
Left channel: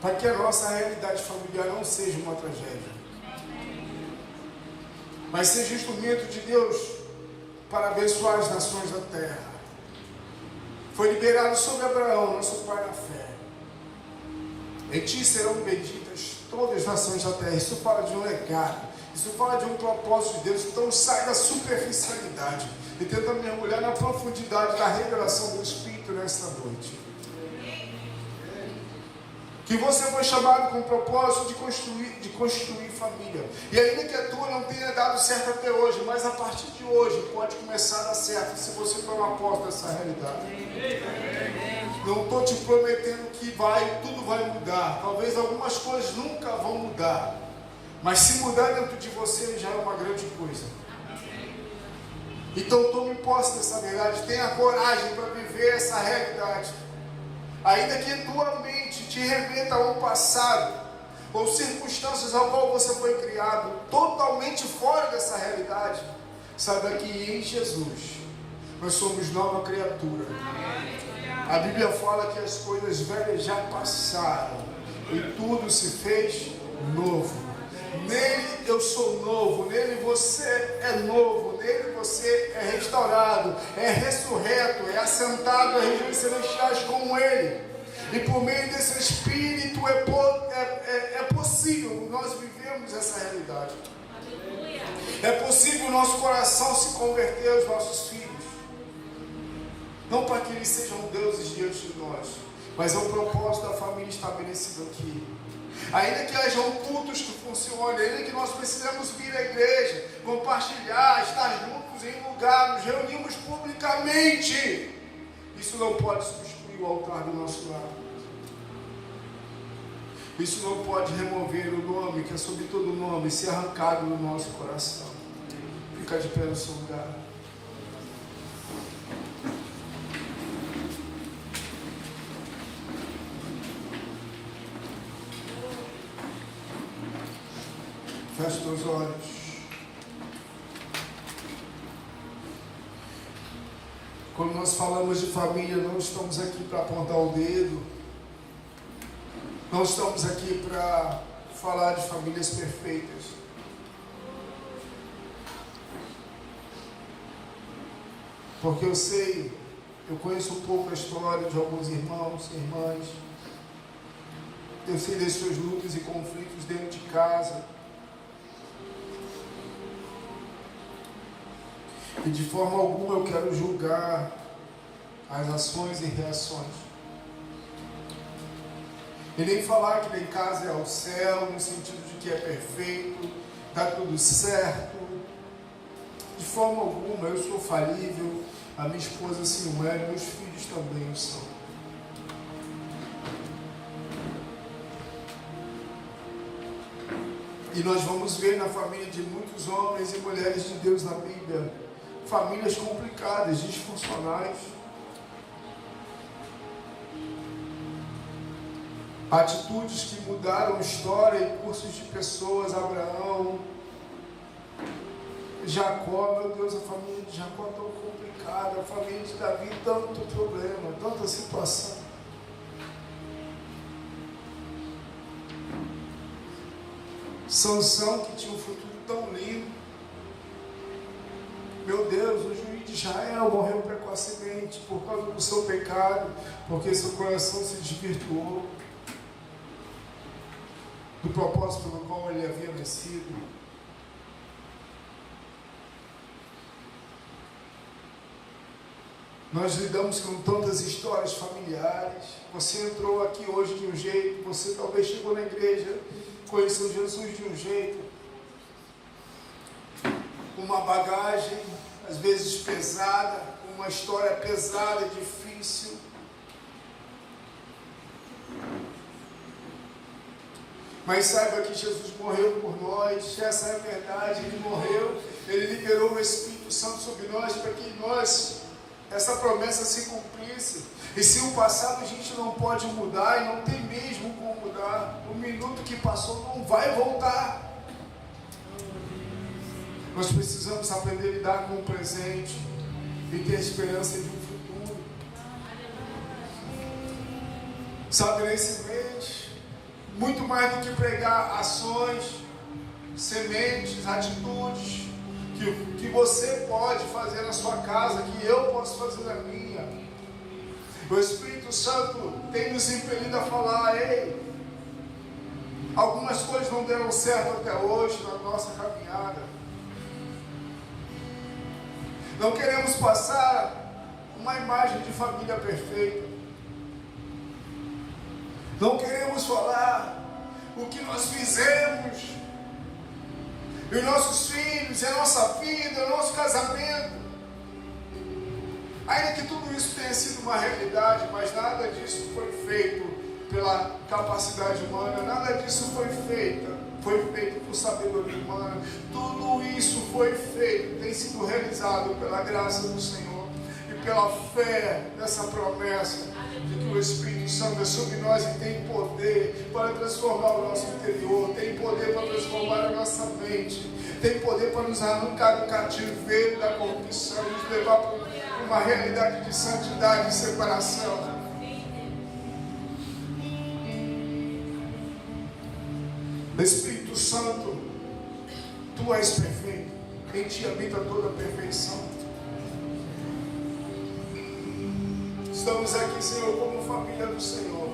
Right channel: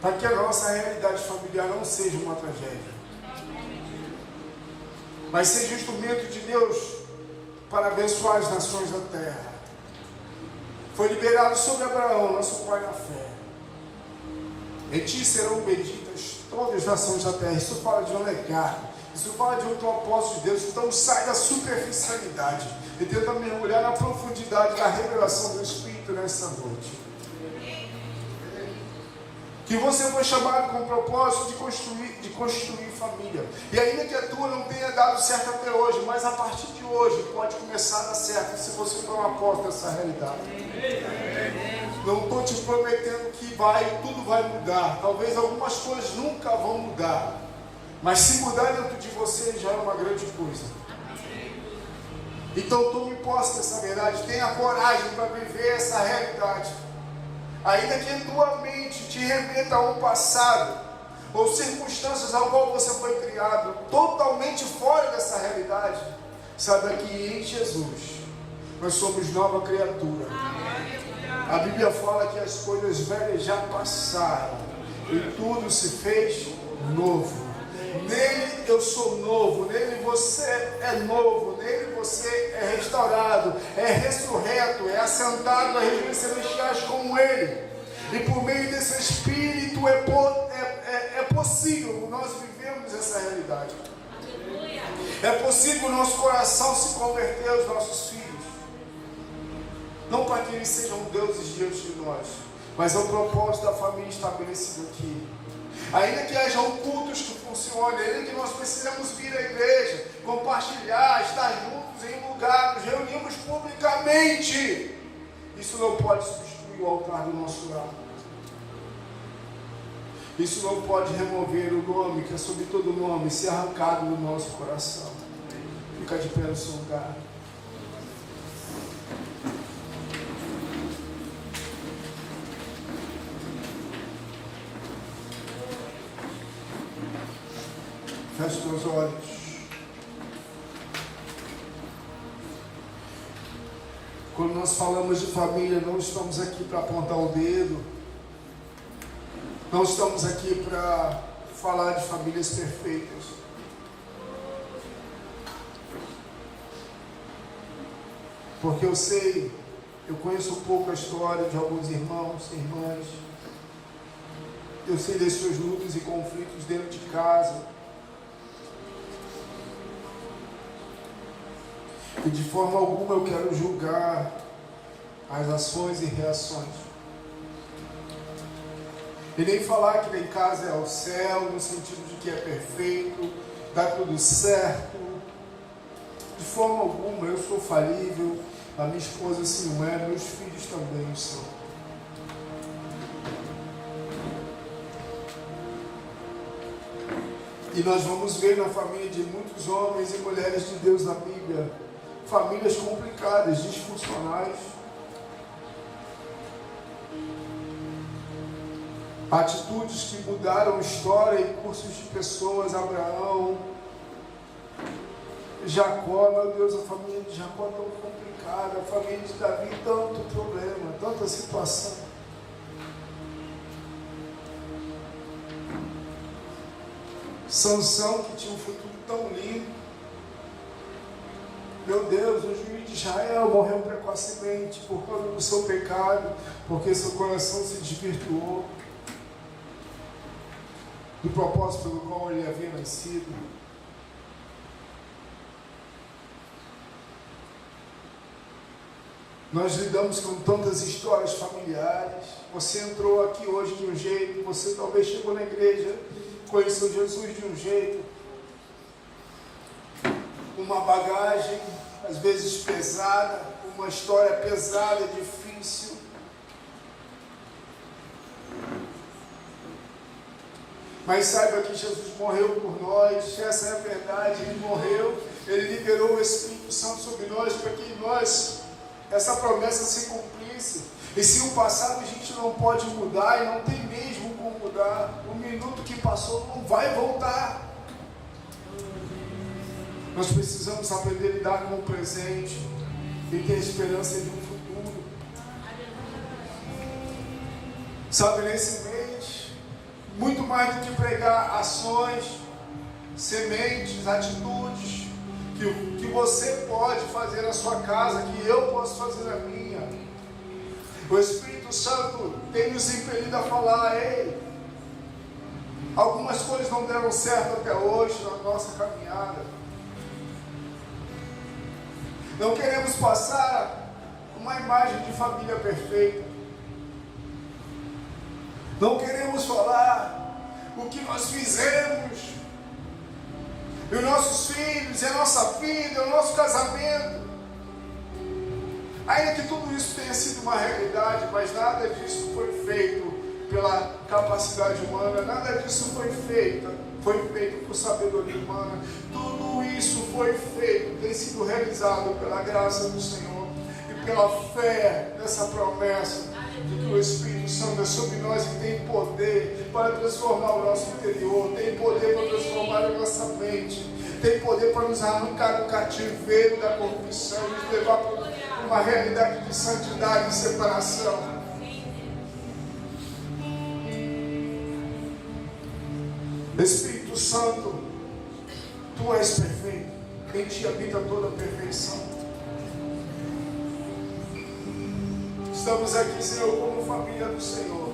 para que a nossa realidade familiar não seja uma tragédia, mas seja instrumento de Deus para abençoar as nações da terra. Foi liberado sobre Abraão, nosso pai na fé. Em ti serão benditas todas as nações da terra. Isso fala de um legado. Isso fala de um propósito de Deus. Então sai da superficialidade e tenta mergulhar na profundidade da revelação do Espírito nessa noite. Que você foi chamado com o propósito de construir família. E ainda que a tua não tenha dado certo até hoje, mas a partir de hoje pode começar a dar certo se você tomar posse dessa realidade. Não estou te prometendo que tudo vai mudar. Talvez algumas coisas nunca vão mudar. Mas se mudar dentro de você já é uma grande coisa. Então tome posse dessa verdade. Tenha coragem para viver essa realidade. Ainda que a tua mente te remeta a um passado ou circunstâncias ao qual você foi criado totalmente fora dessa realidade, saiba que em Jesus nós somos nova criatura. A Bíblia fala que as coisas velhas já passaram e tudo se fez novo. Nele eu sou novo, nele você é novo, nele você é restaurado, é ressurreto, é assentado às regiões celestiais como ele. E por meio desse Espírito é possível nós vivermos essa realidade. É possível o nosso coração se converter aos nossos filhos. Não para que eles sejam deuses diante de nós, mas é o propósito da família estabelecido aqui. Ainda que hajam cultos que funcionem, ainda que nós precisamos vir à igreja, compartilhar, estar juntos em um lugar, nos reunimos publicamente, isso não pode substituir o altar do nosso lar. Isso não pode remover o nome que é sobre todo nome, ser arrancado do nosso coração. Fica de pé no seu lugar. Feche teus olhos. Quando nós falamos de família, não estamos aqui para apontar o dedo. Não estamos aqui para falar de famílias perfeitas. Porque eu conheço um pouco a história de alguns irmãos e irmãs. Eu sei das suas lutas e conflitos dentro de casa. E de forma alguma eu quero julgar as ações e reações. E nem falar que nem casa é o céu, no sentido de que é perfeito, dá tudo certo. De forma alguma, eu sou falível, a minha esposa assim não é, meus filhos também são. E nós vamos ver na família de muitos homens e mulheres de Deus na Bíblia, famílias complicadas, disfuncionais, atitudes que mudaram história e cursos de pessoas. Abraão, Jacó, meu Deus, a família de Jacó tão complicada, a família de Davi, tanto problema, tanta situação. Sansão, que tinha um futuro tão lindo. Meu Deus, o juiz de Israel morreu precocemente por causa do seu pecado, porque seu coração se desvirtuou do propósito pelo qual ele havia nascido. Nós lidamos com tantas histórias familiares. Você entrou aqui hoje de um jeito, você talvez chegou na igreja, conheceu Jesus de um jeito, uma bagagem às vezes pesada, uma história pesada, difícil. Mas saiba que Jesus morreu por nós, essa é a verdade, Ele morreu, Ele liberou o Espírito Santo sobre nós para que essa promessa se cumprisse. E se o passado a gente não pode mudar, e não tem mesmo como mudar, o minuto que passou não vai voltar. Nós precisamos aprender a lidar com o presente e ter esperança de um futuro. Sabe, nesse mês, muito mais do que pregar ações, sementes, atitudes que você pode fazer na sua casa, que eu posso fazer na minha. O Espírito Santo tem nos impelido a falar: ei, algumas coisas não deram certo até hoje na nossa caminhada. Não queremos passar uma imagem de família perfeita. Não queremos falar o que nós fizemos, e os nossos filhos, e a nossa vida, o nosso casamento. Ainda que tudo isso tenha sido uma realidade, mas nada disso foi feito pela capacidade humana, nada disso foi feito por sabedoria humana. Tudo isso foi feito, tem sido realizado pela graça do Senhor e pela fé nessa promessa de que o Espírito Santo é sobre nós e tem poder para transformar o nosso interior, tem poder para transformar a nossa mente, tem poder para nos arrancar do cativeiro da corrupção, nos levar para uma realidade de santidade e separação. Espírito Santo, Tu és perfeito, em Ti habita toda a perfeição. Estamos aqui, Senhor, como família do Senhor.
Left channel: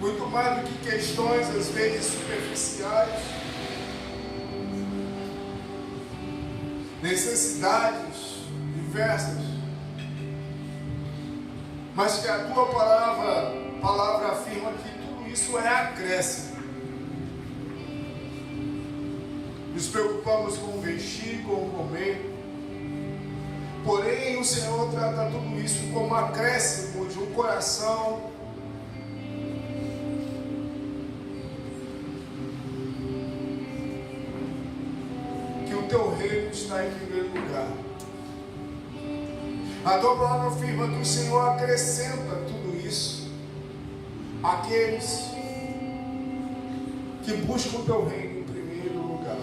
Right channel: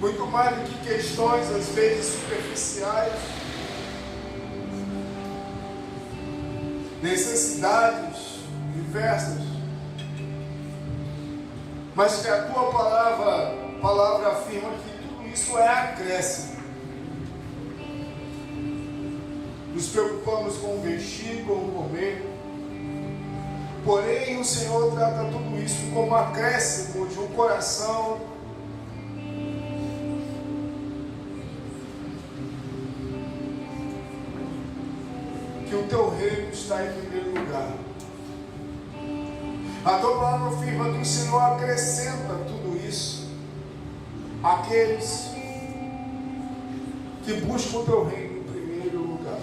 Muito mais do que questões, às vezes, superficiais, necessidades diversas, mas que a Tua palavra afirma que tudo isso é acréscimo. Nos preocupamos com o vestir, com o comer, porém o Senhor trata tudo isso como acréscimo de um coração que o Teu reino está em primeiro lugar. A Tua palavra afirma que o Senhor acrescenta tudo isso àqueles que buscam o Teu reino em primeiro lugar.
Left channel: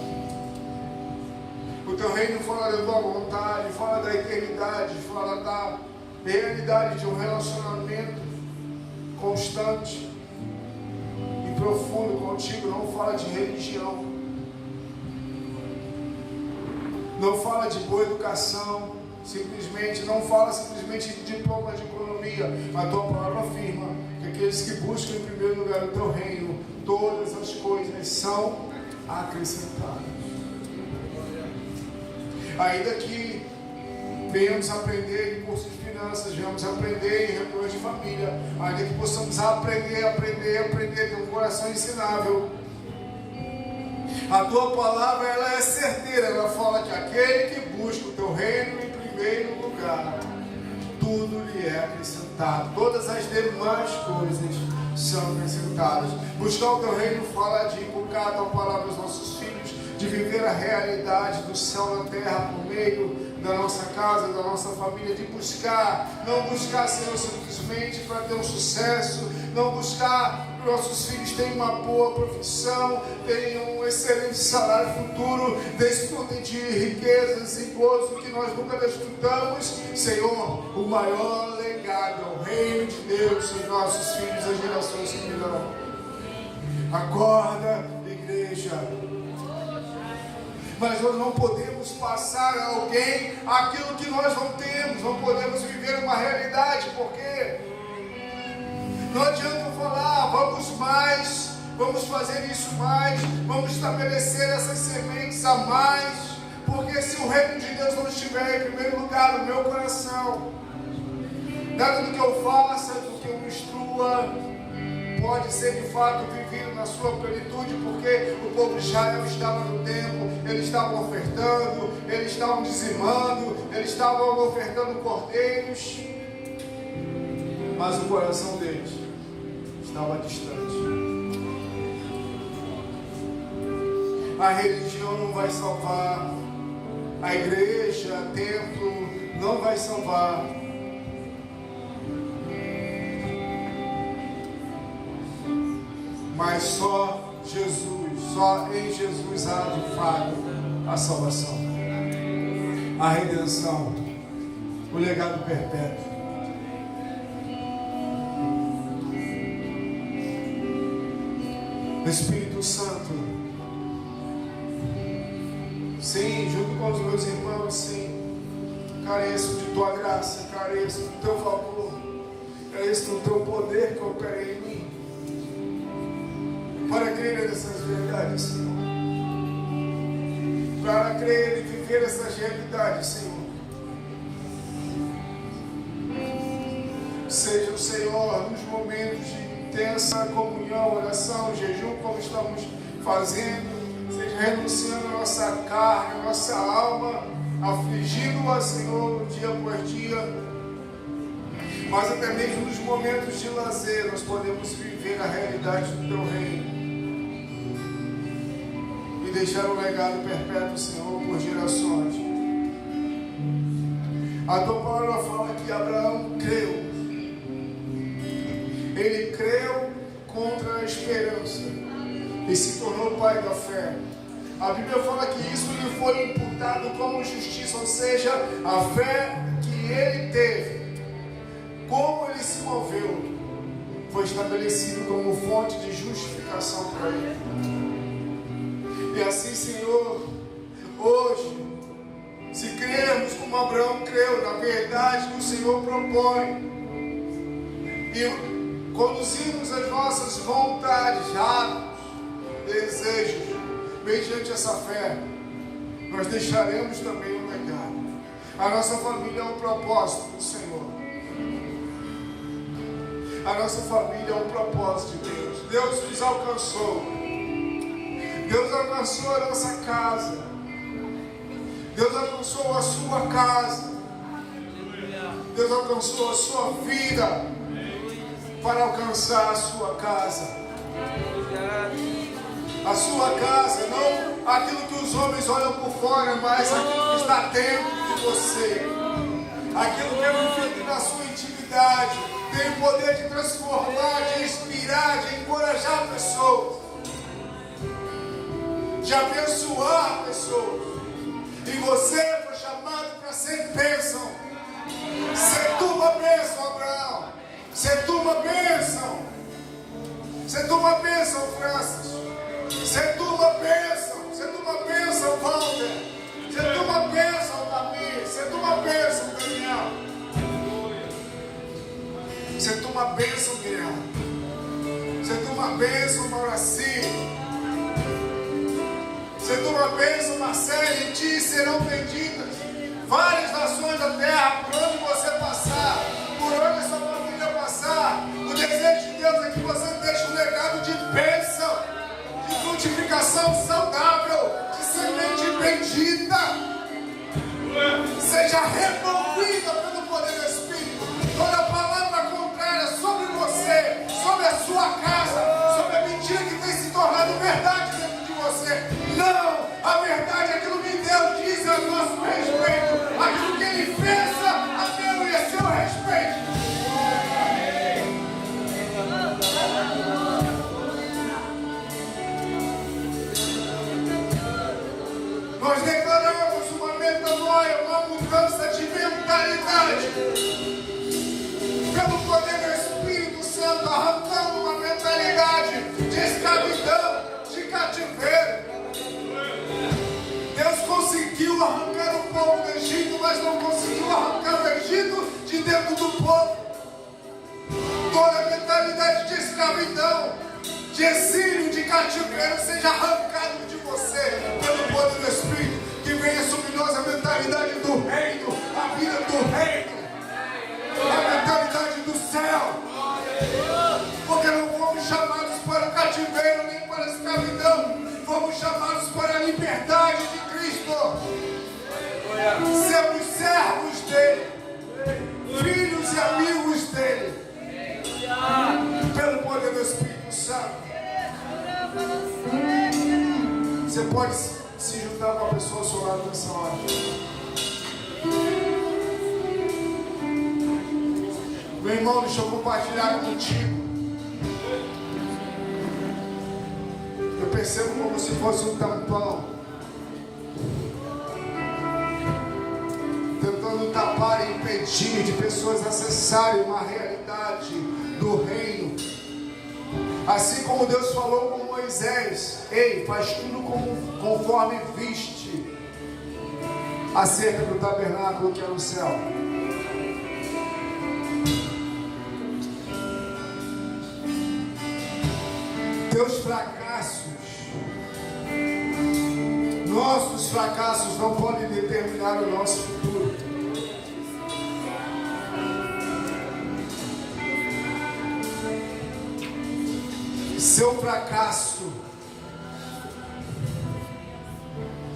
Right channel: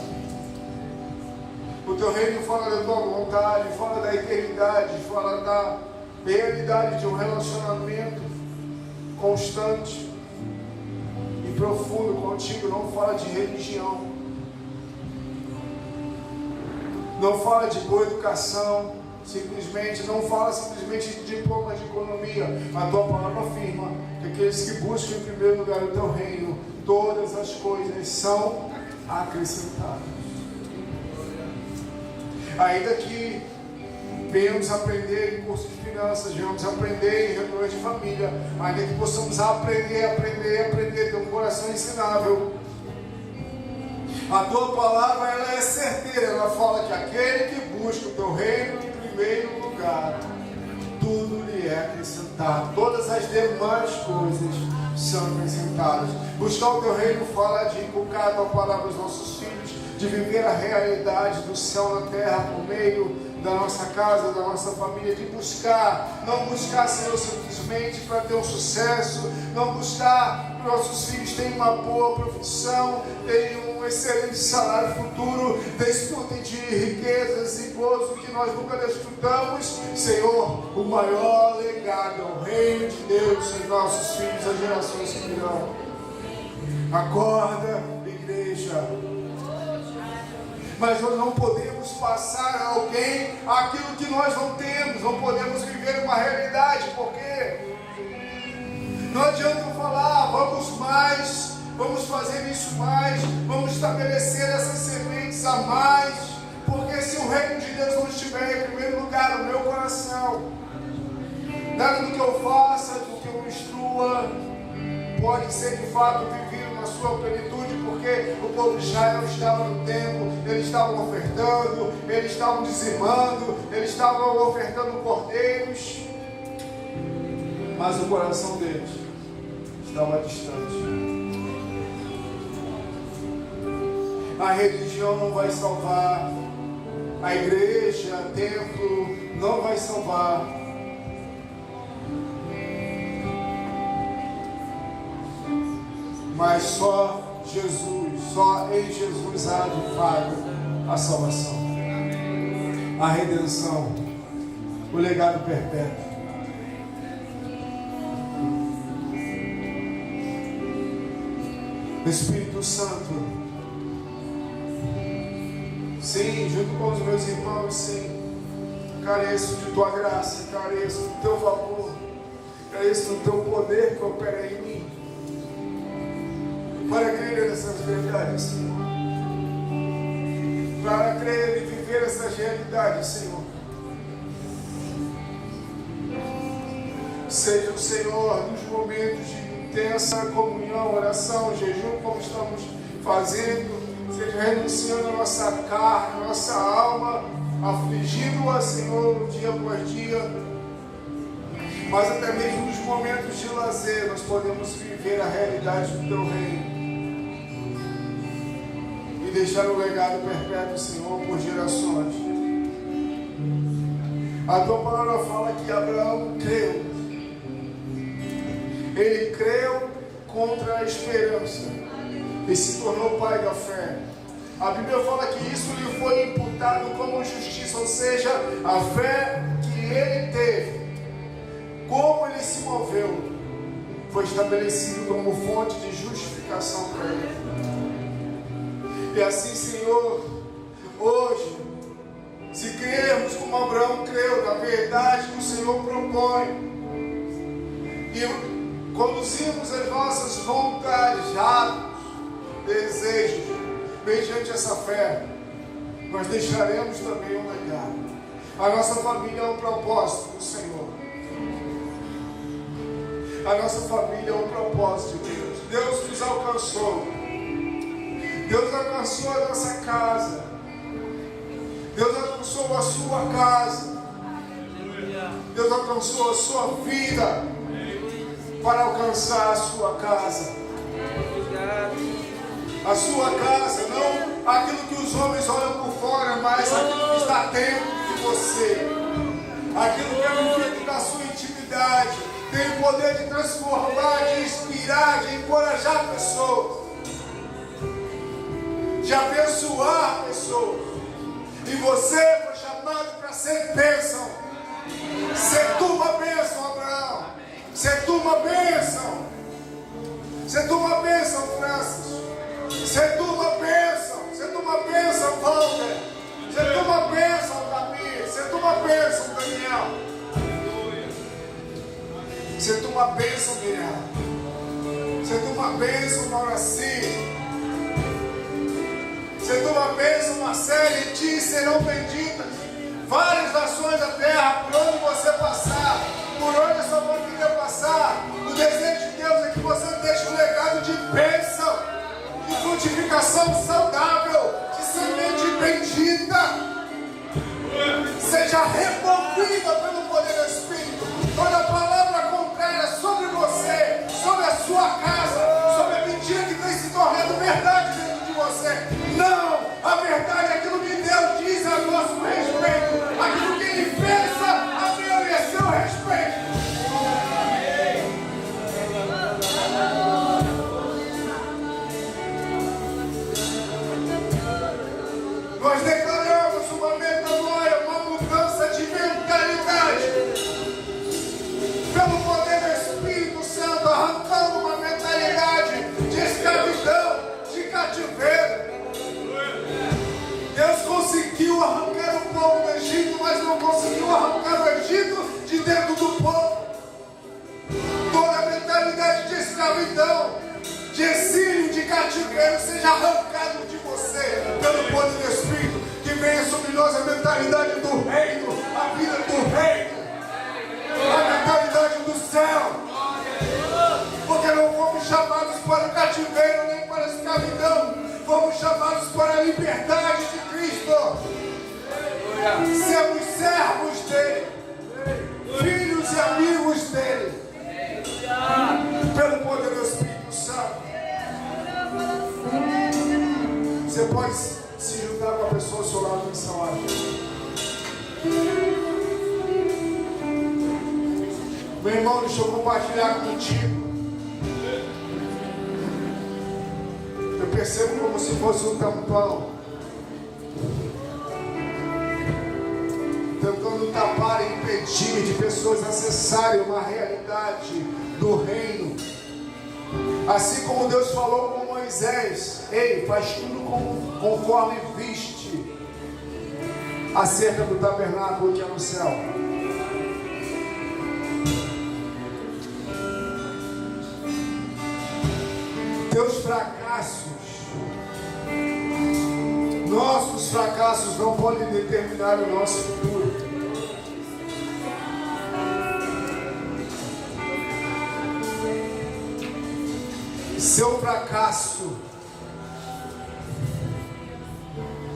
O Teu reino fala da Tua vontade, fala da eternidade, fala da realidade de um relacionamento constante e profundo contigo. Não fala de religião, não fala de boa educação, não fala simplesmente de diploma de economia. A Tua palavra afirma que aqueles que buscam em primeiro lugar o Teu reino, todas as coisas são acrescentadas. Ainda que venhamos aprender em curso de finanças, venhamos aprender em reuniões de família, ainda que possamos aprender, ter um coração ensinável, a Tua palavra, ela é certeira. Ela fala que aquele que busca o Teu reino em primeiro lugar, tudo lhe é acrescentado. Todas as demais coisas são acrescentadas. Buscar o Teu reino fala de inculcar a Tua palavra aos nossos filhos, de viver a realidade do céu na terra por meio da nossa casa, da nossa família, de buscar, não buscar, Senhor, simplesmente para ter um sucesso, não buscar que nossos filhos tenham uma boa profissão, tenham um excelente salário futuro, desfrutem de riquezas e gozo que nós nunca desfrutamos. Senhor, o maior legado é o reino de Deus em nossos filhos, as gerações que virão. Acorda, igreja. Mas nós não podemos passar a alguém aquilo que nós não temos, não podemos viver uma realidade, porque não adianta falar, vamos mais, vamos fazer isso mais, vamos estabelecer essas sementes a mais, porque se o reino de Deus não estiver em primeiro lugar no meu coração, nada do que eu faça, do que eu instrua, pode ser de fato vivido na sua plenitude, porque o povo de Israel estava no templo, eles estavam ofertando, eles estavam dizimando, eles estavam ofertando cordeiros, mas o coração deles estava distante. A religião não vai salvar, a igreja, o templo não vai salvar. Mas só Jesus, só em Jesus há de fato a salvação, a redenção, o legado perpétuo. Espírito Santo, sim, junto com os meus irmãos, sim, careço de tua graça, careço do teu favor, careço do teu poder que opera em mim, para crer nessas verdades, Senhor, para crer e viver essas realidades, Senhor. Seja o Senhor nos momentos de intensa comunhão, oração, jejum, como estamos fazendo, seja renunciando a nossa carne, a nossa alma, afligindo-a, Senhor, dia por dia, mas até mesmo nos momentos de lazer nós podemos viver a realidade do Teu reino e deixar um legado perpétuo, Senhor, por gerações. A Tua palavra fala que Abraão creu. Ele creu contra a esperança e se tornou pai da fé. A Bíblia fala que isso lhe foi imputado como justiça, ou seja, a fé que ele teve, como ele se moveu, foi estabelecido como fonte de justificação para ele. E assim, Senhor, hoje, se crermos como Abraão creu na verdade que o Senhor propõe, e conduzirmos as nossas vontades, atos, desejos, mediante essa fé, nós deixaremos também um legado. A nossa família é um propósito do Senhor. A nossa família é um propósito de Deus. Deus nos alcançou. Deus alcançou a nossa casa. Deus alcançou a sua casa. Deus alcançou a sua vida para alcançar a sua casa. A sua casa, não aquilo que os homens olham por fora, mas aquilo que está dentro de você. Aquilo que é vivido na sua intimidade. Tem o poder de transformar, de inspirar, de encorajar pessoas. De abençoar pessoas. E você foi chamado para ser bênção. Ser tu uma bênção, Abraão. Ser tu uma bênção. Ser tu uma bênção, Francis. Ser tu uma bênção. Ser tu uma bênção, Walter. Ser tu uma bênção, Damir. Ser tu uma bênção, Daniel. Ser tu uma bênção, Miriam. Ser tu uma bênção, Mauraci. Ser tu uma bênção, Marcelo. Em ti serão benditas várias nações da terra, por onde você passar, por onde essa família passar. O desejo de Deus é que você deixe um legado de bênção, de frutificação saudável, de semente bendita. Seja removida pelo poder do Espírito toda palavra contrária sobre você, sobre a sua casa, sobre a mentira que tem se tornado verdade dentro de você. Não! A verdade é aquilo que Deus diz a nosso respeito. Aquilo que Ele pensa a meu e a seu respeito. Nós declaramos uma metanoia, uma mudança de mentalidade. Pelo poder do Espírito Santo, arrancando uma mentalidade de escravidão, de cativeiro. Deus conseguiu arrancar o povo do Egito, mas não conseguiu arrancar o Egito de dentro do povo. Toda a mentalidade de escravidão, de exílio, de cativeiro, seja arrancado de você pelo poder do Espírito. Que venha sobre nós a mentalidade do reino, a vida do reino, a mentalidade do céu. Porque não fomos chamados para o cativeiro, nem para a escravidão. Fomos chamados para a liberdade de Cristo. Sermos servos dele, filhos e amigos dele, pelo poder do Espírito Santo. Você pode se juntar com a pessoa ao seu lado nessa hora. Meu irmão, deixa eu compartilhar contigo. Eu percebo como se fosse um tampão, tentando tapar e impedir de pessoas acessarem uma realidade do reino. Assim como Deus falou com Moisés: ei, faz tudo conforme viste acerca do tabernáculo que é no céu. Teus fracassos, nossos fracassos não podem determinar o nosso futuro. Seu fracasso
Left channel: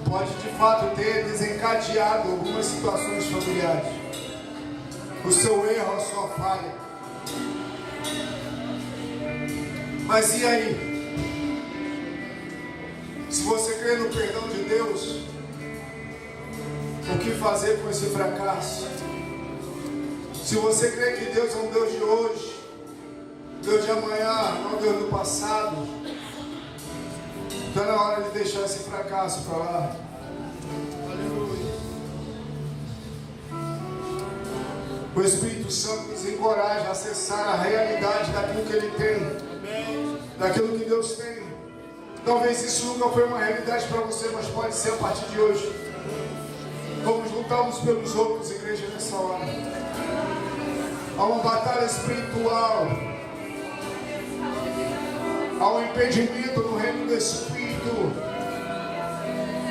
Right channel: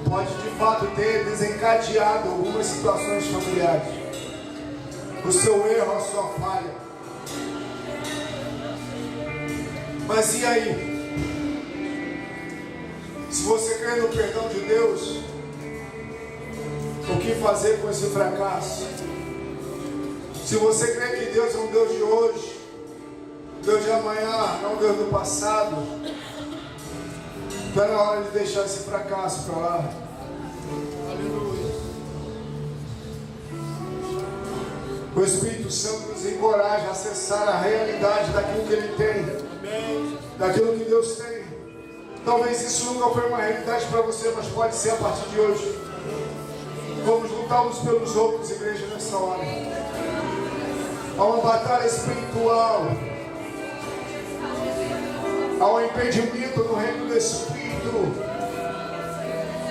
pode de fato ter desencadeado algumas situações familiares. O seu erro, a sua falha. Mas e aí? Se você crê no perdão de Deus, o que fazer com esse fracasso? Se você crê que Deus é um Deus de hoje, Deus de amanhã, não Deus do passado, está na hora de deixar esse fracasso para lá. Aleluia. O Espírito Santo nos encoraja a acessar a realidade daquilo que Ele tem. Amém. Daquilo que Deus tem. Talvez isso nunca foi uma realidade para você, mas pode ser a partir de hoje. Vamos lutar uns pelos outros, igreja, nessa hora. Há uma batalha espiritual. Há um impedimento no reino do Espírito,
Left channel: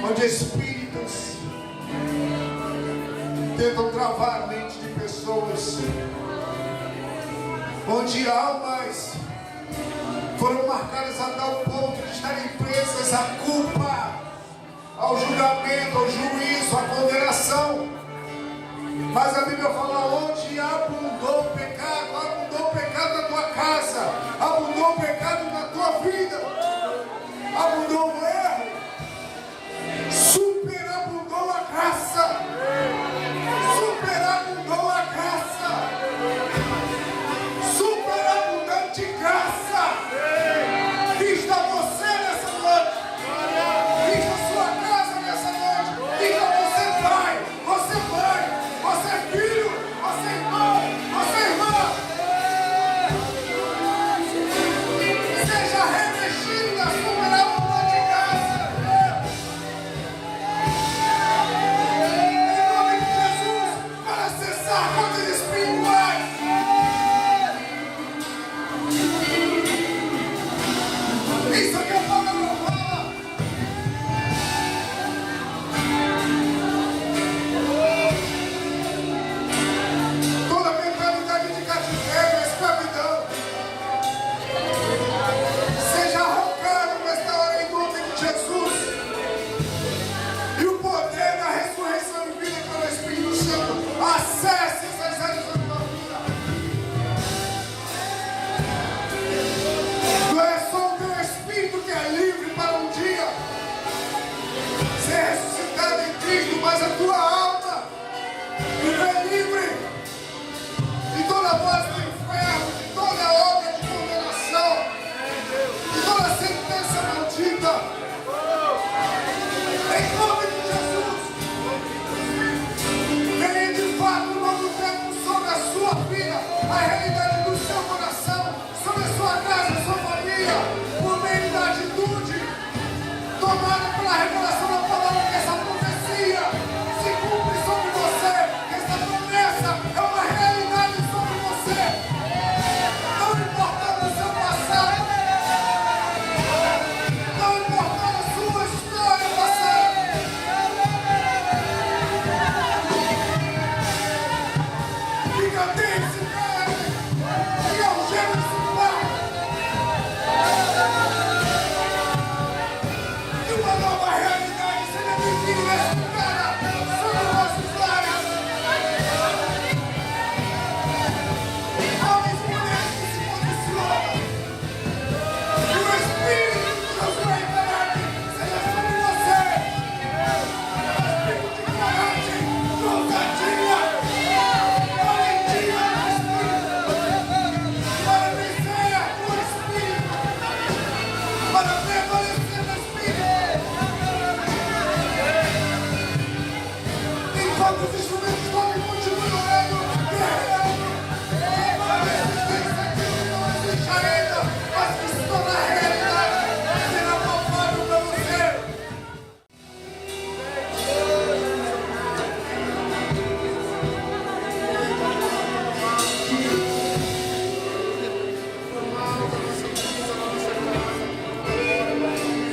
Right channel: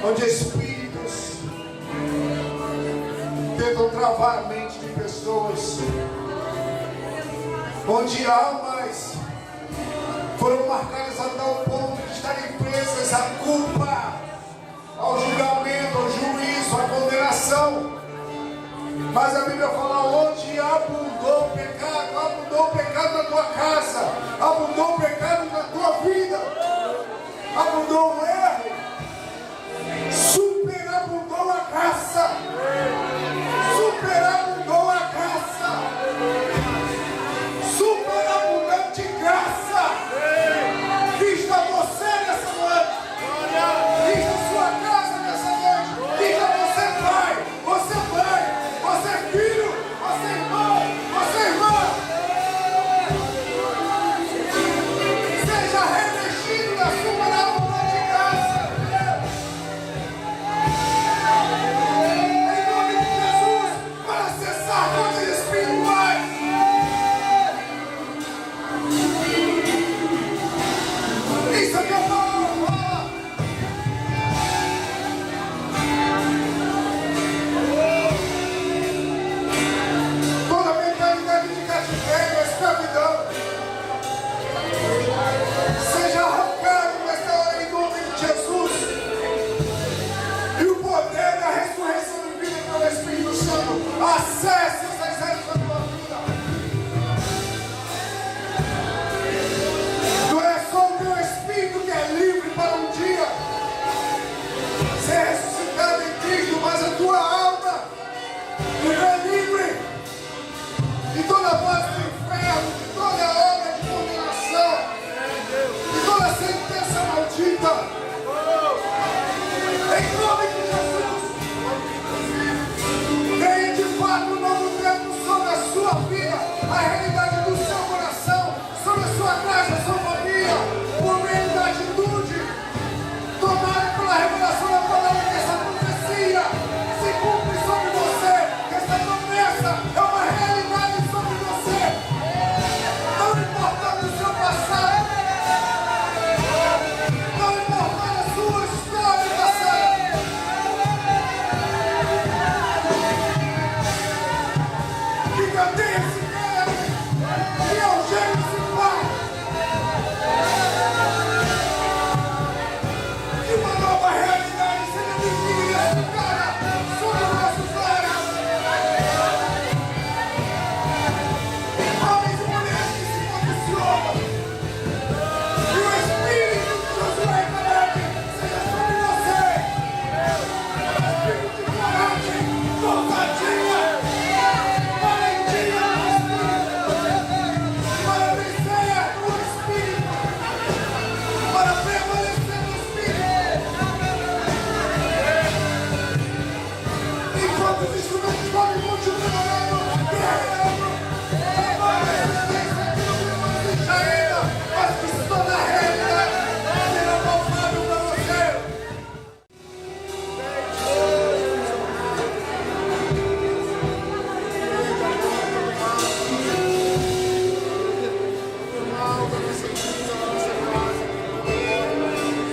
onde espíritos tentam travar a mente de pessoas, onde almas foram marcadas a tal ponto de estarem presas à culpa, ao julgamento, ao juízo, à condenação. Mas a Bíblia fala: onde abundou o pecado na tua casa, abundou o pecado na tua vida, abundou o erro, superabundou a graça, superabundou a graça, superabundante graça. Vista você nessa noite, vista sua casa nessa noite, vista você pai, você mãe, você filho, você irmão.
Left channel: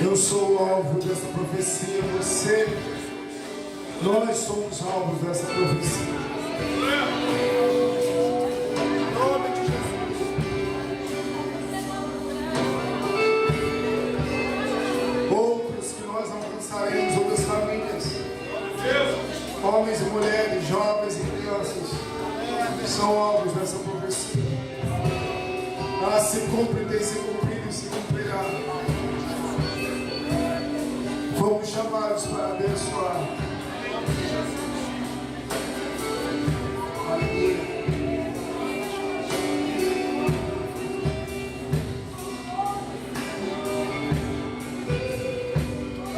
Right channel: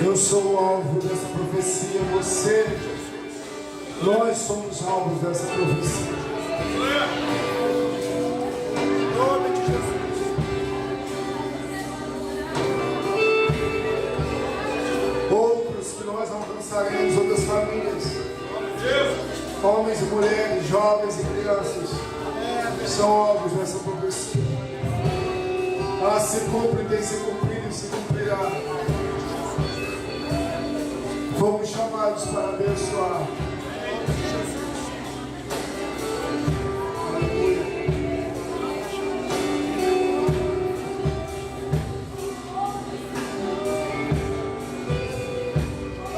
Eu sou o alvo dessa profecia, você, nós somos alvos dessa profecia. Em nome de Jesus. Outros que nós alcançaremos, outras famílias, homens e mulheres, jovens e crianças, são alvos dessa profecia. Ela se cumpre, tem se cumprido e se cumprirá. Fomos chamados para abençoar. Aleluia.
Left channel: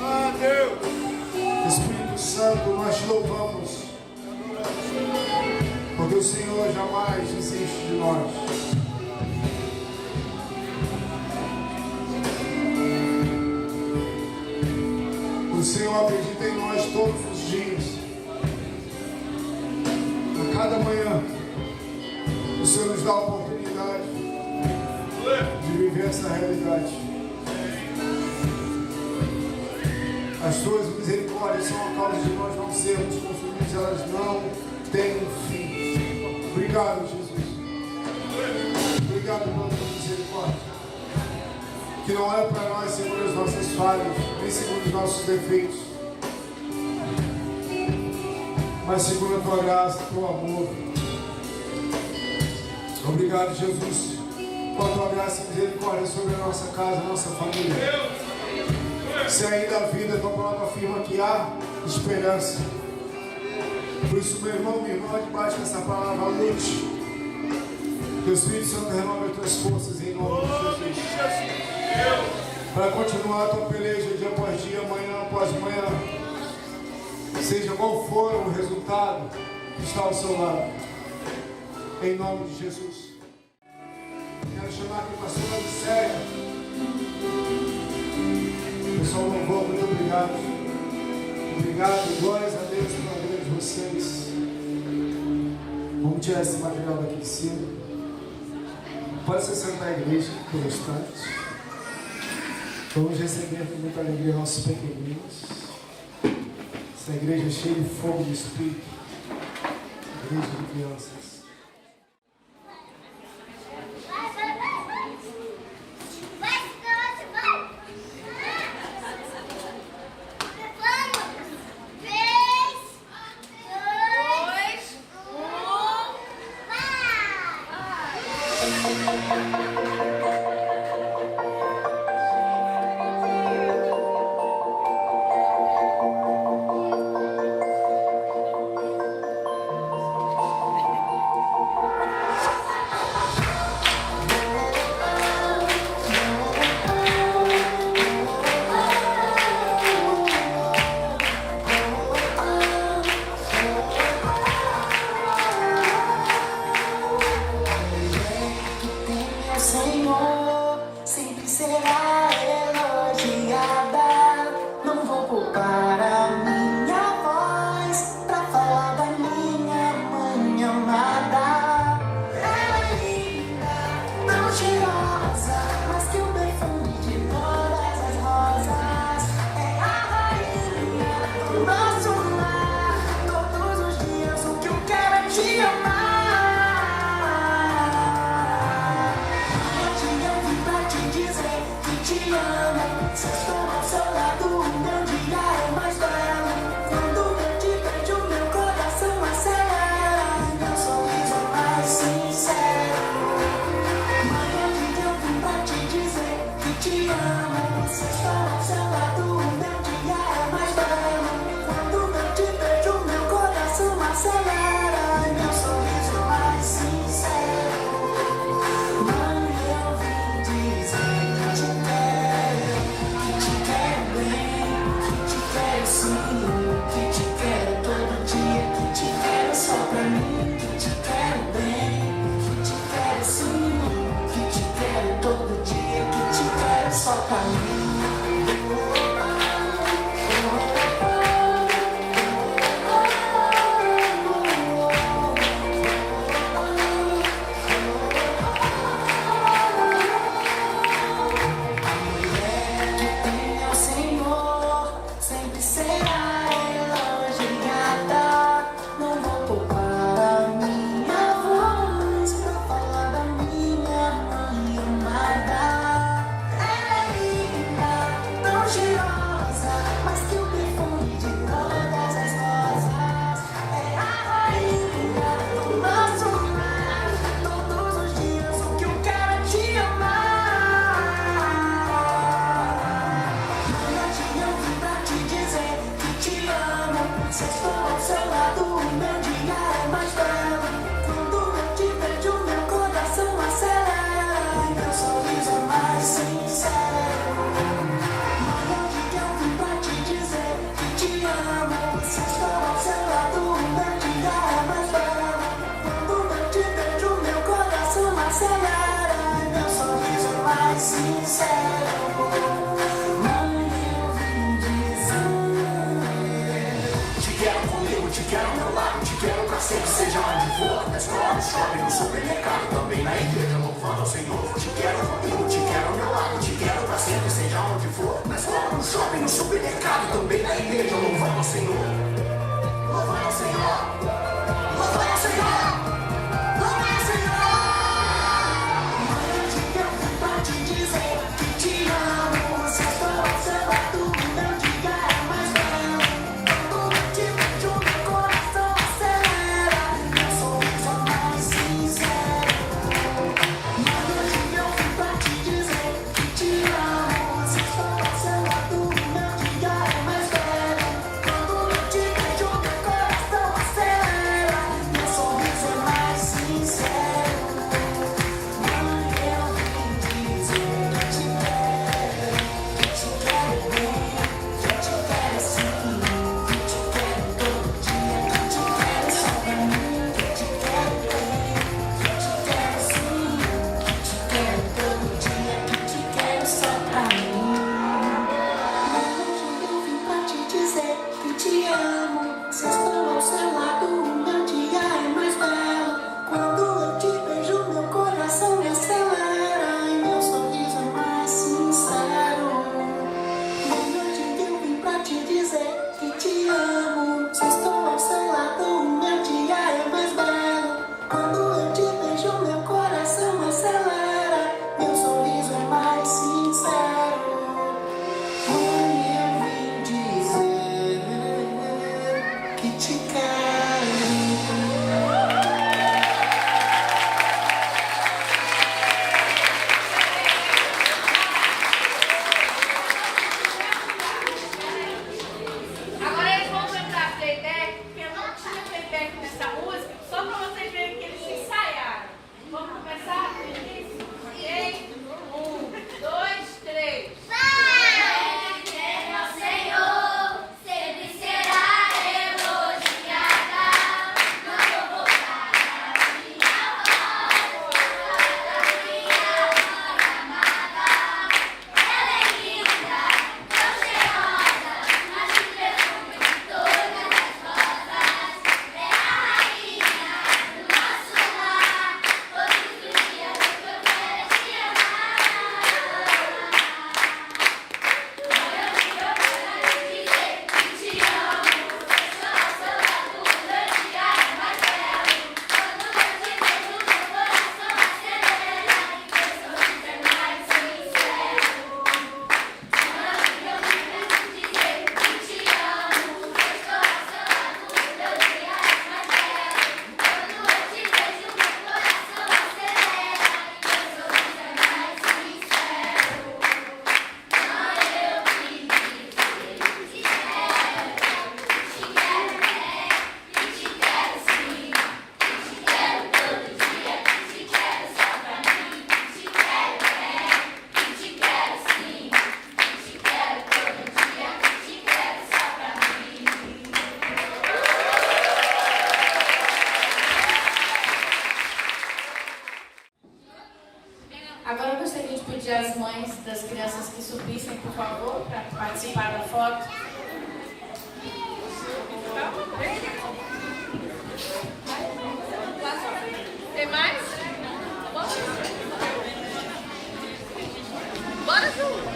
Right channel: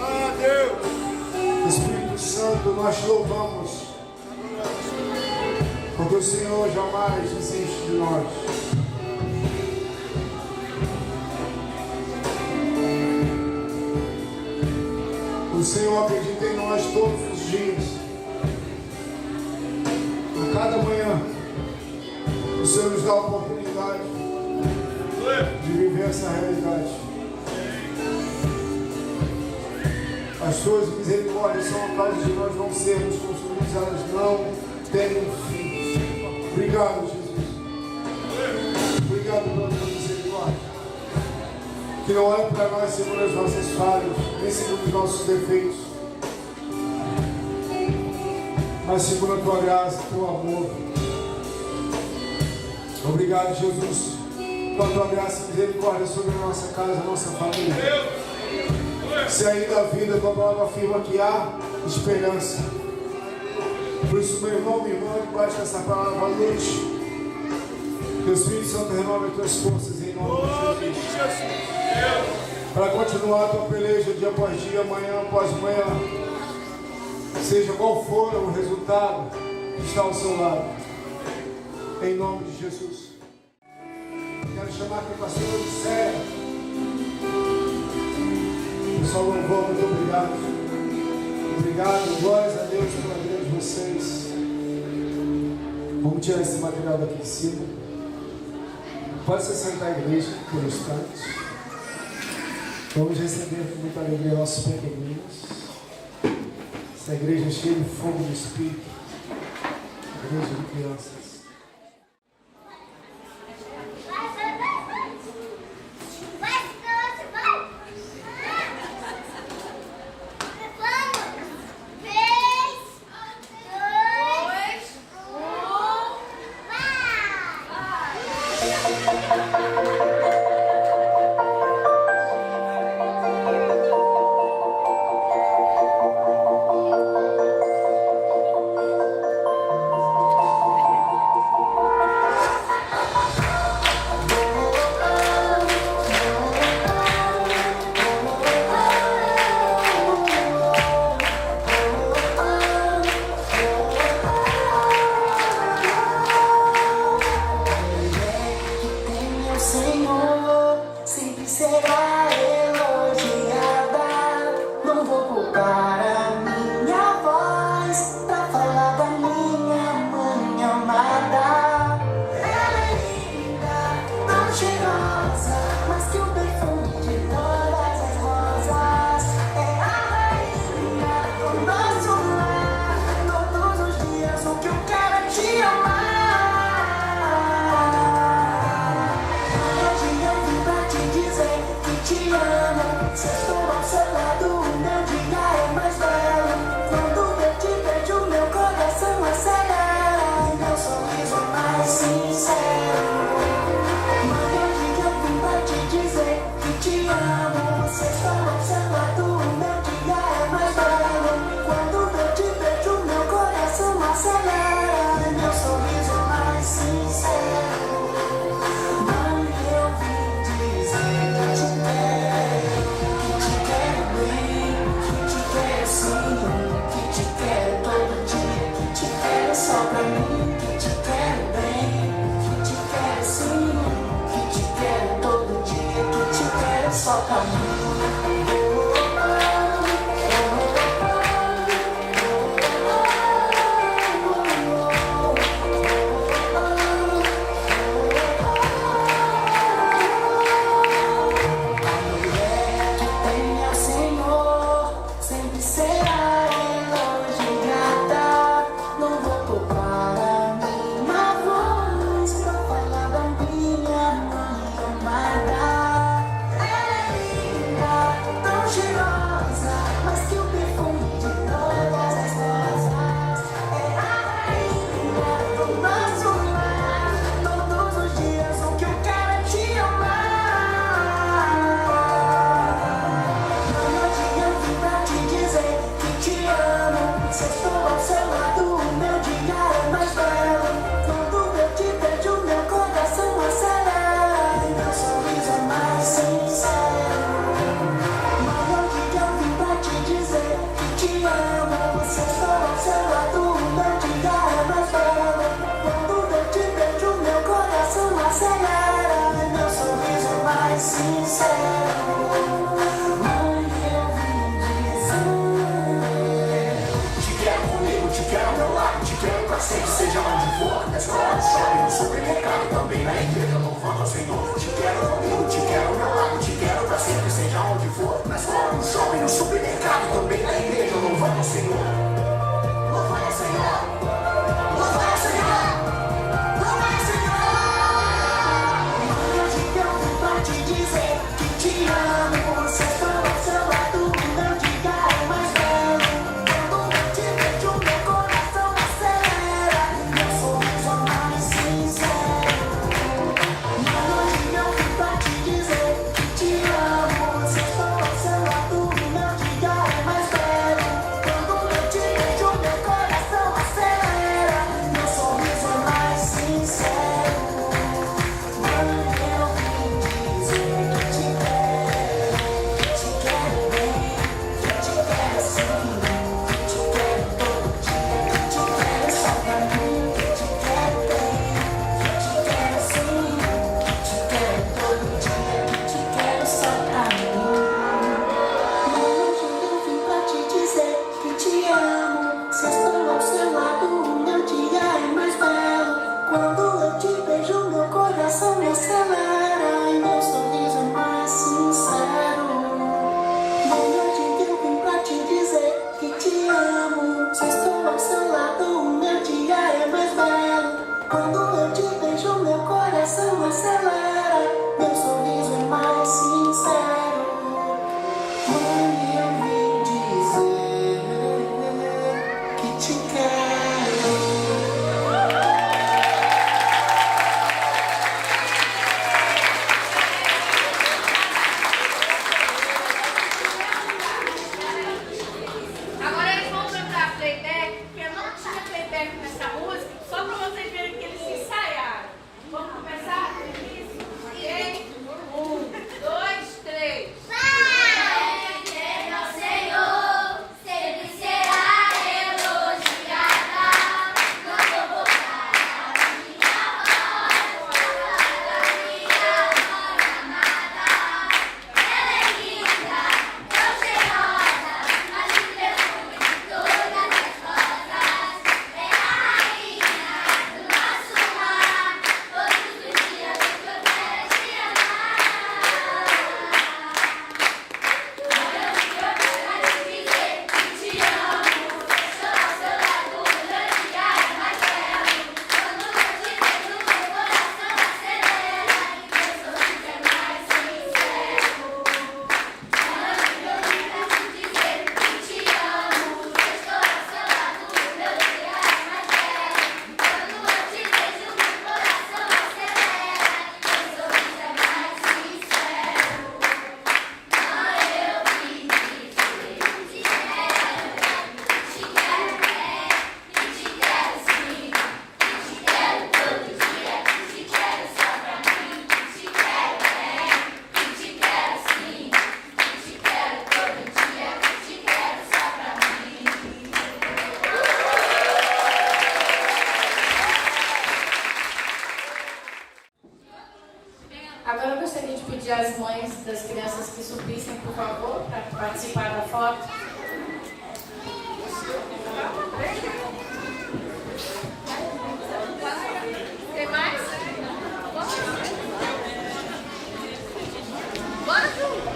Ah, Deus. Espírito Santo, nós te louvamos. Porque o Senhor jamais desiste de nós. O Senhor acredita em nós todos os dias. A cada manhã, o Senhor nos dá a oportunidade de viver essa realidade. As tuas misericórdias são a causa de nós não sermos consumidos, elas não têm fim. Obrigado, Jesus. Obrigado pela tua misericórdia. Que não é para nós segundo as nossas falhas, nem segundo os nossos defeitos, mas segundo a tua graça, o teu amor. Obrigado, Jesus, pela tua graça e misericórdia sobre a nossa casa, a nossa família. Se ainda há vida, a tua palavra afirma que há esperança. Por isso, meu irmão, minha irmã, debaixo dessa palavra, lute. Que o Espírito Santo renove as tuas forças em nome de Jesus. Para continuar a tua peleja dia após dia, manhã após manhã, seja qual for o resultado que está ao seu lado, em nome de Jesus. Quero chamar aqui o pastor Odisseia. Pessoal, louvor, muito obrigado. Obrigado, glórias a Deus pela vida de vocês. Vamos tirar esse material daqui de cima. Pode se sentar a igreja por instantes. Vamos receber com muita alegria nossos pequeninos. Essa igreja é cheia de fogo do Espírito. Igreja de crianças. Só pra que subissem, por favor, para participar da foto. Tem mais? Bora, Ju!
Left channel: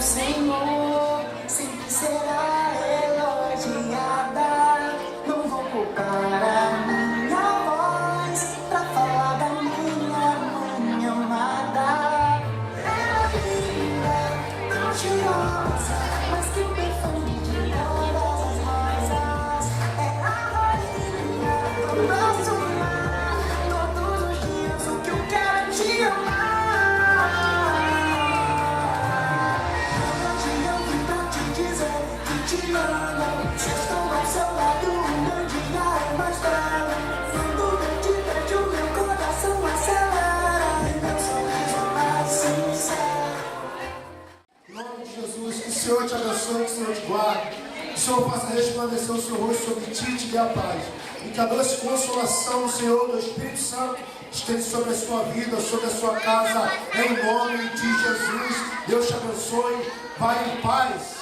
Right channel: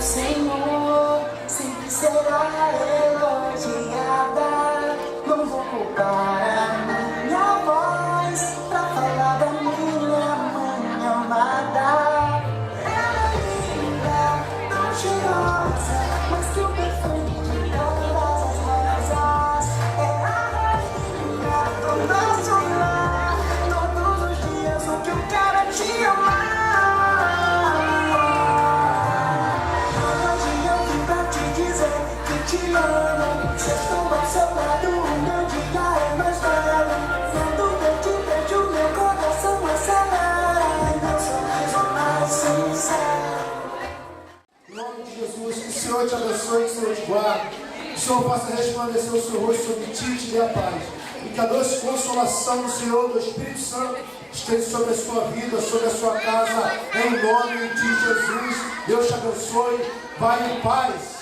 Senhor, sempre será elogiada. Não vou culpar a minha voz pra falar da minha mãe amada. Ela é linda, não cheirosa, mas que o perfume de todas as rosas. Ela é linda, o nosso lar, todos os dias o que eu quero é te amar. Te amo, se estou ao seu lado, o meu dia é mais belo. Quando eu te vejo, meu coração acelera, e meu sorriso mais sincero. Em nome de Jesus, que o Senhor te abençoe, que o Senhor te guarde, que o Senhor faça resplandecer o seu rosto sobre ti e te dê a paz. E que a doce consolação do Senhor, do Espírito Santo, esteja sobre a sua vida, sobre a sua casa, em nome de Jesus. Deus te abençoe, vai em paz.